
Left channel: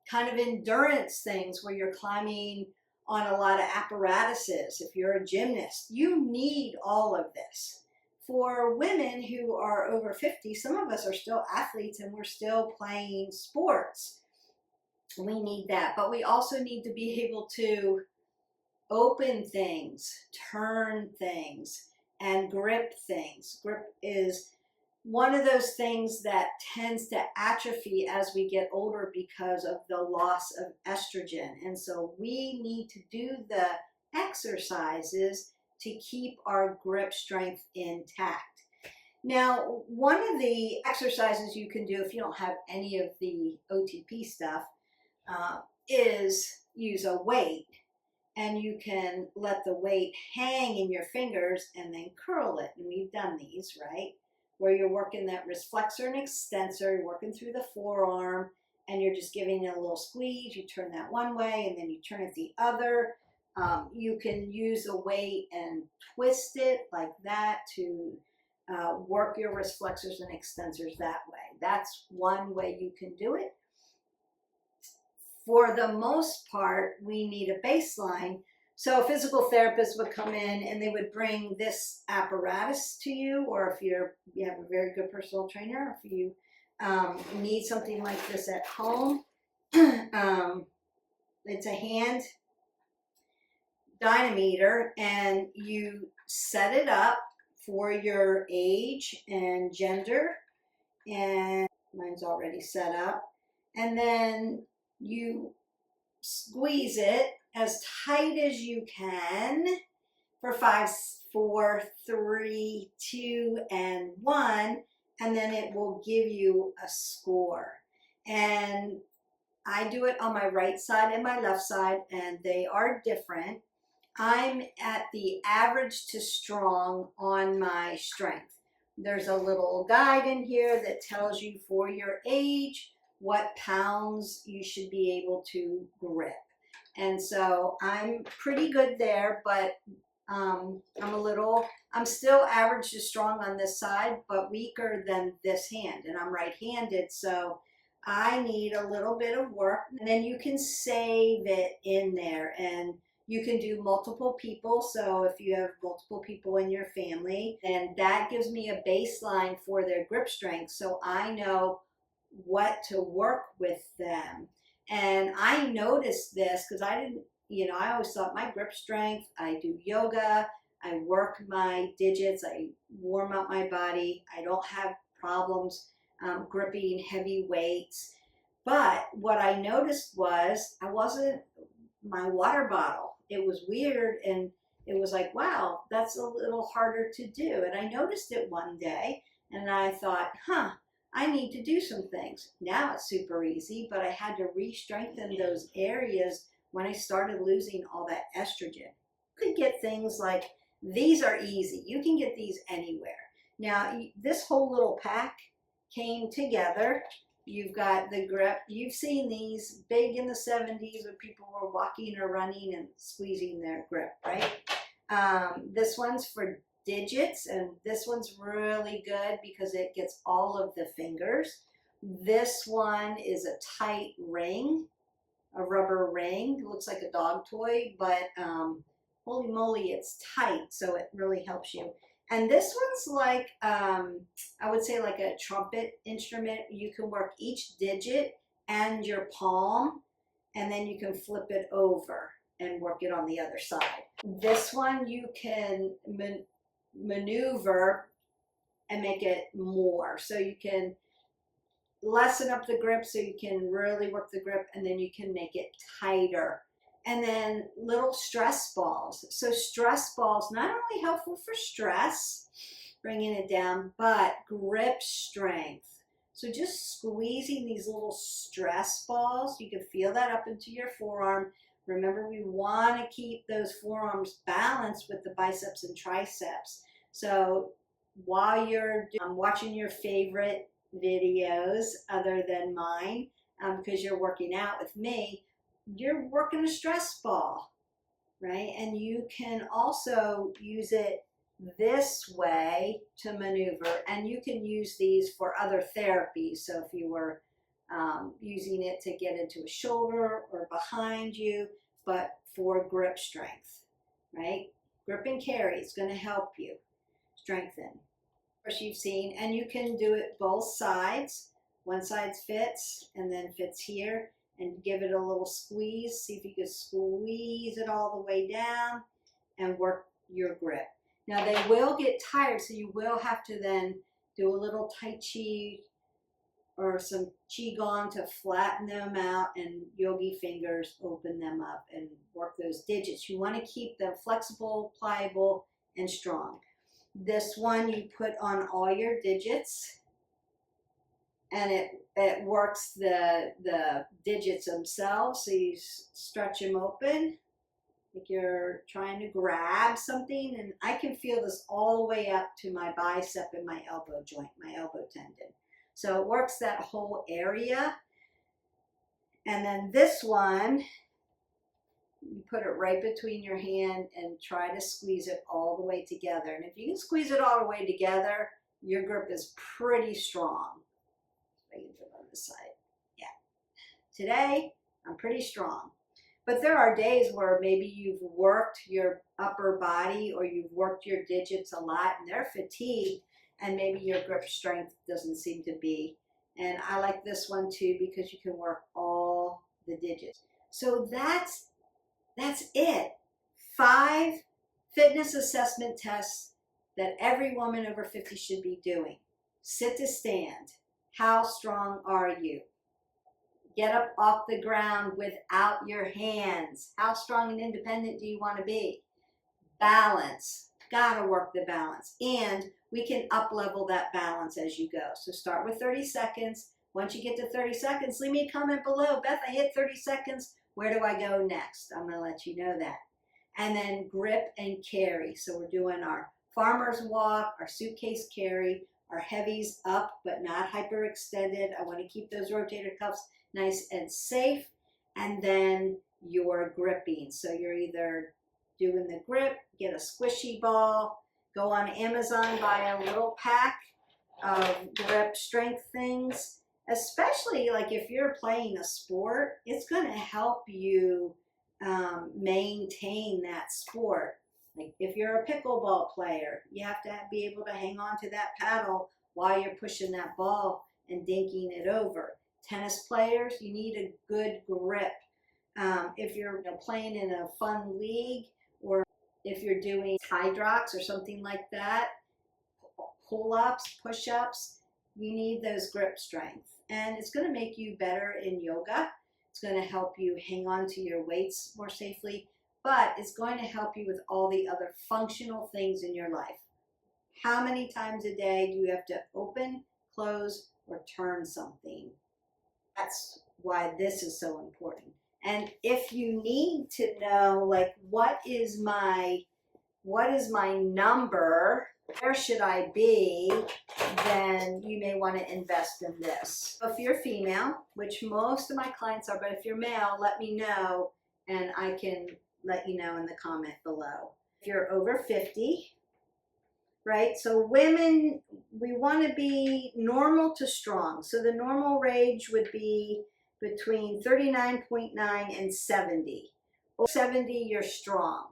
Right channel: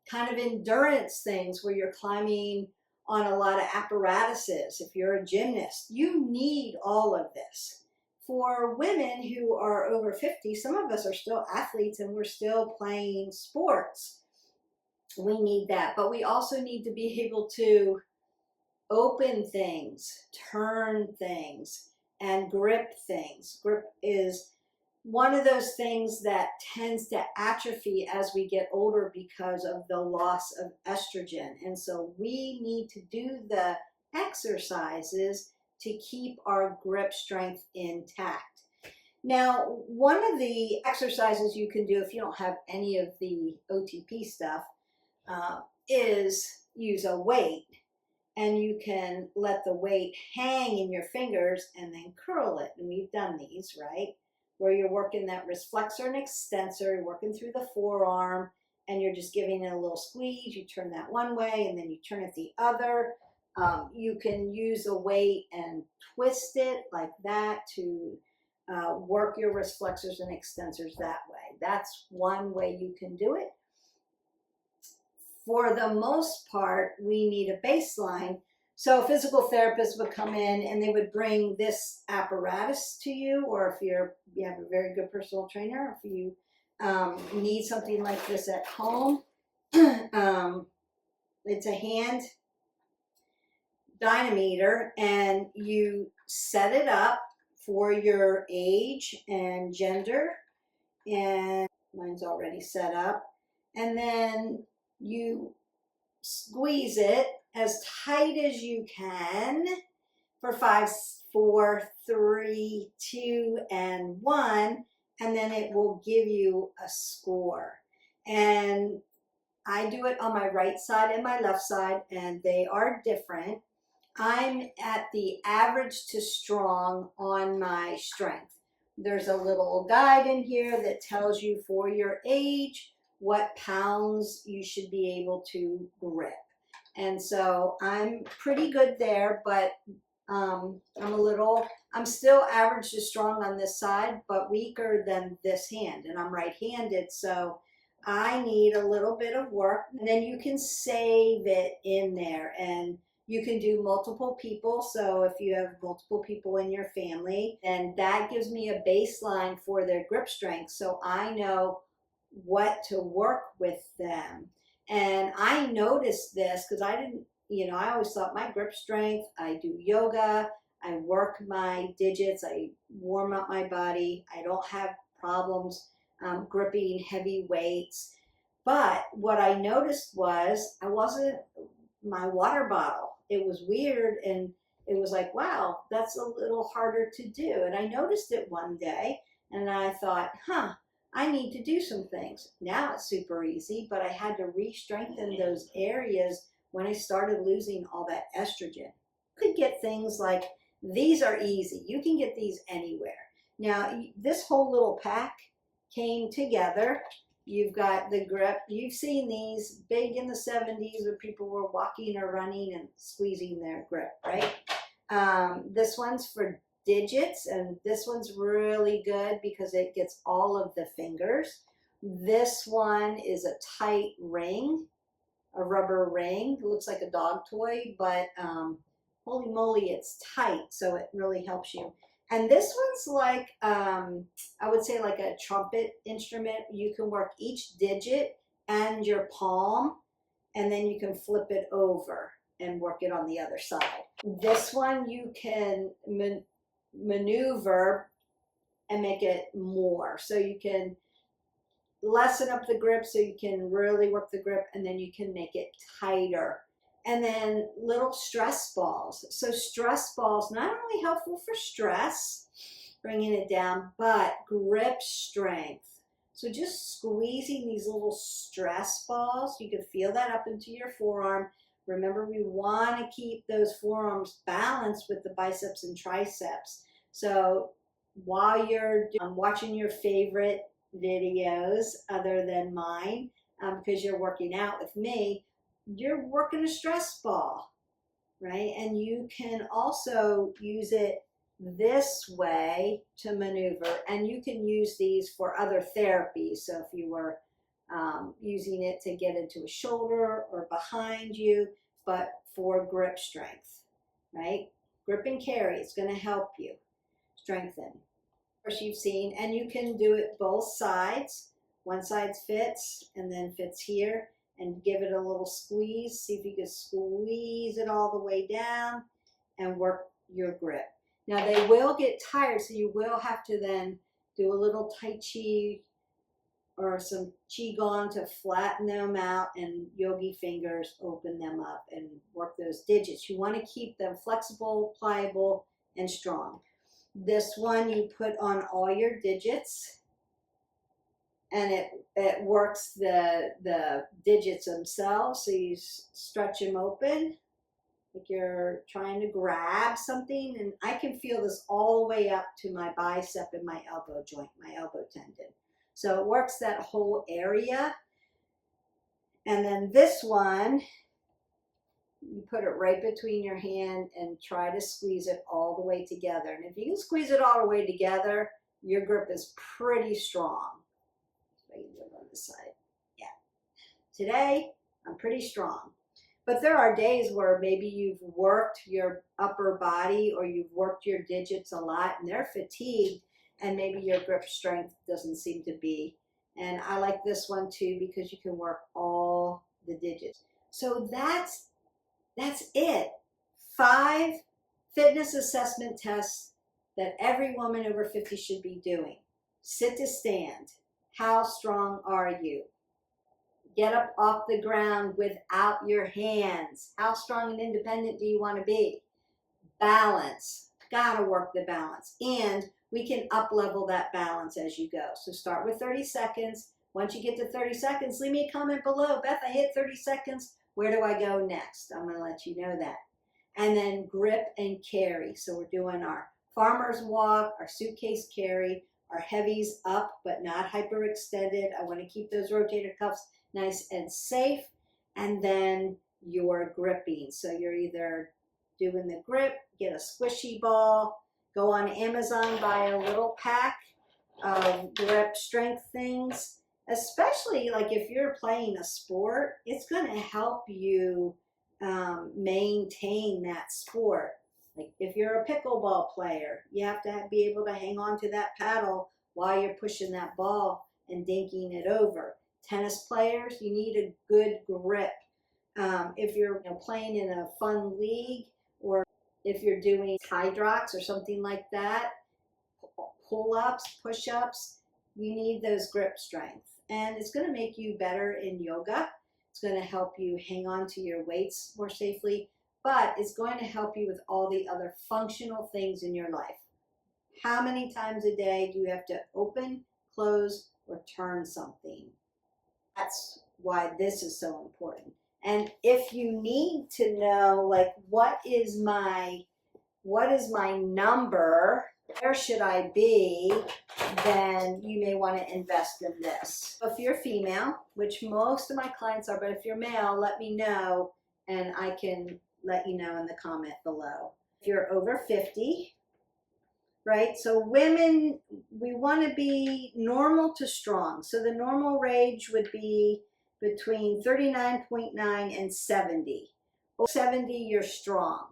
kind of endurance things where you're climbing on a lot of apparatuses, if you're a gymnast, you need all of this. For women who are over 50, some of us are still athletes and we're still playing sports. We need that, but we also need to be able to open things, turn things, and grip things. Grip is one of those things that tends to atrophy as we get older because of the loss of estrogen. And so we need to do the exercises to keep our grip strength intact. Now, one of the exercises you can do if you don't have any of the OTP stuff is use a weight. And you can let the weight hang in your fingers and then curl it. And we've done these, right? Where you're working that wrist flexor and extensor, you're working through the forearm, and you're just giving it a little squeeze. You turn that one way, and then you turn it the other. You can use a weight and twist it like that to work your wrist flexors and extensors that way. That's one way you can do it. For the most part, we need a baseline. So physical therapists would come in and they would bring this apparatus to you, or if you have a very good personal trainer, if you need something like this at home, it's a hand dynameter, and you set it up for your age and gender, and mine's already set up, and then you squeeze it as tight as you can for 5, 4, 3, 2, and 1, and then it will give you a score. And I do it on my right side and my left side, and they are different. I'm at the average to strong on my strength. There's a little guide in here that tells you for your age what pounds you should be able to grip. And so I'm pretty good there, but I'm still average to strong on this side, but weaker than this hand. And I'm right-handed, so I need a little bit of work. And then you can save it in there, and you can do multiple people. So if you have multiple people in your family, then that gives me a baseline for their grip strength, so I know what to work with them. And I noticed this because I didn't, I always thought my grip strength, I do yoga, I work my digits, I warm up my body, I don't have problems gripping heavy weights. But what I noticed was my water bottle. It was weird, and it was like, wow, that's a little harder to do. And I noticed it one day, and I thought, I need to do some things. Now it's super easy, but I had to re-strengthen those areas when I started losing all that estrogen. You could get things like, these are easy. You can get these anywhere. Now, this whole little pack came together. You've got the grip. You've seen these big in the 70s where people were walking or running and squeezing their grip, right? This one's for digits, and this one's really good because it gets all of the fingers. This one is a tight ring, a rubber ring. It looks like a dog toy, but holy moly, it's tight, so it really helps you. And this one's like, I would say like a trumpet instrument. You can work each digit and your palm, and then you can flip it over and work it on the other side. This one you can maneuver and make it more. So you can lessen up the grip so you can really work the grip, and then you can make it tighter. And then little stress balls. So stress balls, not only helpful for stress, bringing it down, but grip strength. So just squeezing these little stress balls, you can feel that up into your forearm. Remember, we want to keep those forearms balanced with the biceps and triceps. So while you're watching your favorite videos other than mine, because you're working out with me, you're working a stress ball, right? And you can also use it this way to maneuver, and you can use these for other therapies. So if you were using it to get into a shoulder or behind you, but for grip strength, right? Grip and carry is going to help you strengthen. Of course, you've seen, and you can do it both sides. One side fits and then fits here, and give it a little squeeze. See if you can squeeze it all the way down and work your grip. Now they will get tired, so you will have to then do a little Tai Chi or some Qigong to flatten them out, and yogi fingers open them up and work those digits. You want to keep them flexible, pliable, and strong. This one you put on all your digits, and it works the digits themselves. So you stretch them open like you're trying to grab something, and I can feel this all the way up to my bicep and my elbow joint, my elbow tendon. So it works that whole area. And then this one, you put it right between your hand and try to squeeze it all the way together. And if you can squeeze it all the way together, your grip is pretty strong. I can do it on this side. Yeah. Today, I'm pretty strong. But there are days where maybe you've worked your upper body or you've worked your digits a lot and they're fatigued, and maybe your grip strength doesn't seem to be. And I like this one too because you can work all the digits. So that's it. 5 fitness assessment tests that every woman over 50 should be doing. Sit to stand. How strong are you? Get up off the ground without your hands. How strong and independent do you want to be? Balance. Gotta work the balance. And we can up level that balance as you go. So start with 30 seconds. Once you get to 30 seconds, leave me a comment below. Beth, I hit 30 seconds. Where do I go next? I'm going to let you know that. And then grip and carry. So we're doing our farmer's walk, our suitcase carry, our heavies up but not hyperextended. I want to keep those rotator cuffs nice and safe. And then your gripping. So you're either doing the grip, get a squishy ball, go on Amazon, buy a little pack of grip strength things. Especially like if you're playing a sport, it's going to help you maintain that sport. Like if you're a pickleball player, you have to be able to hang on to that paddle while you're pushing that ball and dinking it over. Tennis players, you need a good grip. If you're playing in a fun league, or if you're doing hydrox or something like that, pull-ups, push-ups, you need those grip strength. And it's going to make you better in yoga. It's going to help you hang on to your weights more safely, but it's going to help you with all the other functional things in your life. How many times a day do you have to open, close, or turn something? That's why this is so important. And if you need to know, like, what is my number, where should I be, then you may want to invest in this. If you're female, which most of my clients are, but if you're male, let me know and I can let you know in the comment below. If you're over 50, right? So women, we want to be normal to strong. So the normal range would be between 39.9 and 70. Over 70, you're strong.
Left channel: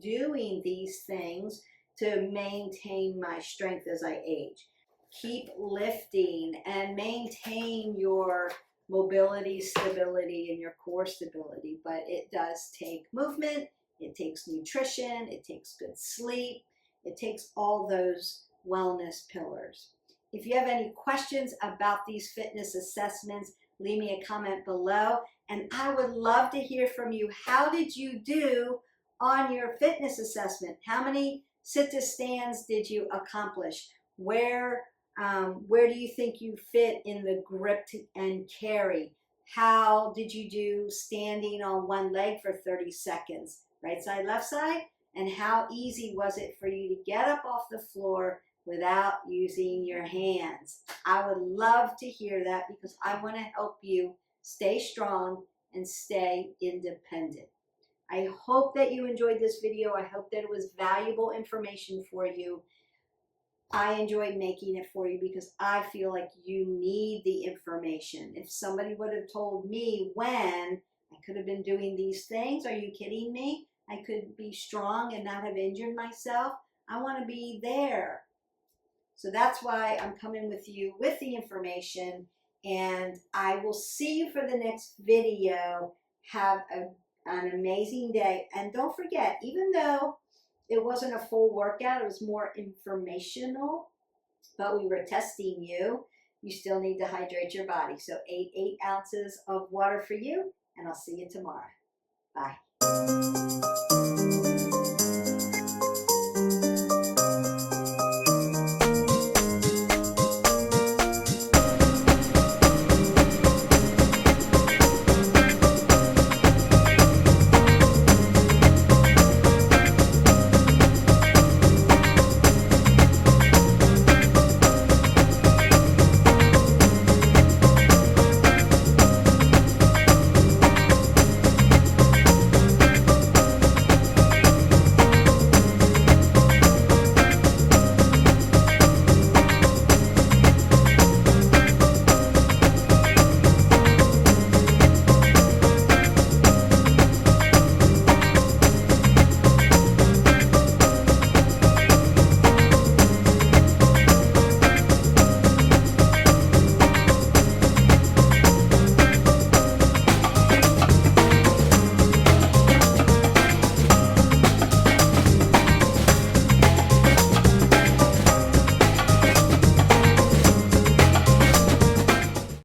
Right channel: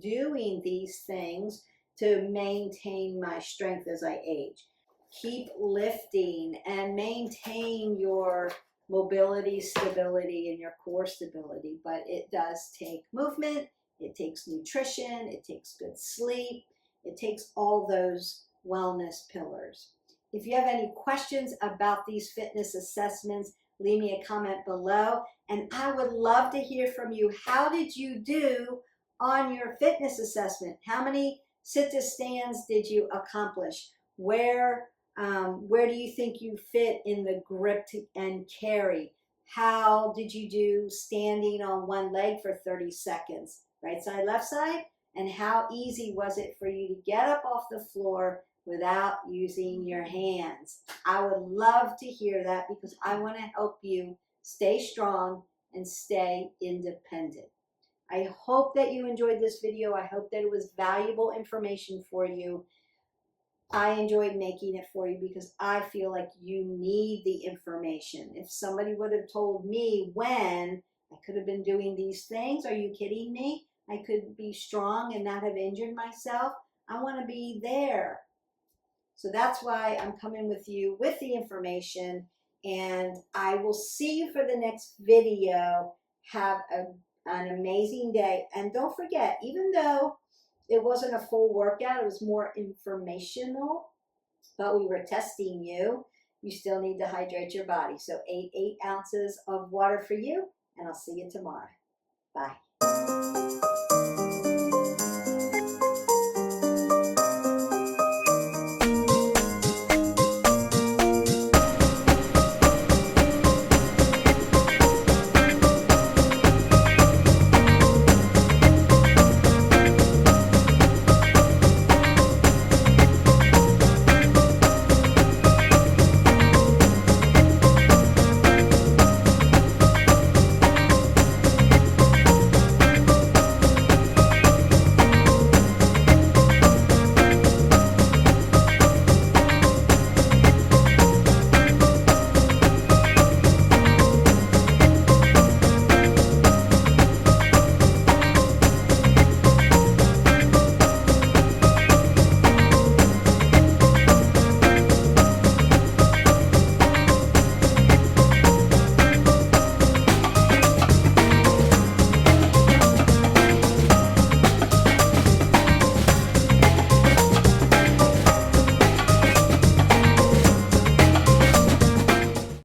Doing these things to maintain my strength as I age. Keep lifting and maintain your mobility, stability, and your core stability. But it does take movement, it takes nutrition, it takes good sleep, it takes all those wellness pillars. If you have any questions about these fitness assessments, leave me a comment below. And I would love to hear from you. How did you do on your fitness assessment? How many sit-to-stands did you accomplish? Where do you think you fit in the grip and carry? How did you do standing on one leg for 30 seconds? Right side, left side? And how easy was it for you to get up off the floor without using your hands? I would love to hear that because I want to help you stay strong and stay independent. I hope that you enjoyed this video. I hope that it was valuable information for you. I enjoyed making it for you because I feel like you need the information. If somebody would have told me when I could have been doing these things, are you kidding me? I could be strong and not have injured myself. I want to be there. So that's why I'm coming with you with the information, and I will see you for the next video. Have an amazing day. And don't forget, even though it wasn't a full workout, it was more informational, but we were testing you, you still need to hydrate your body. So 8 ounces of water for you, and I'll see you tomorrow. Bye.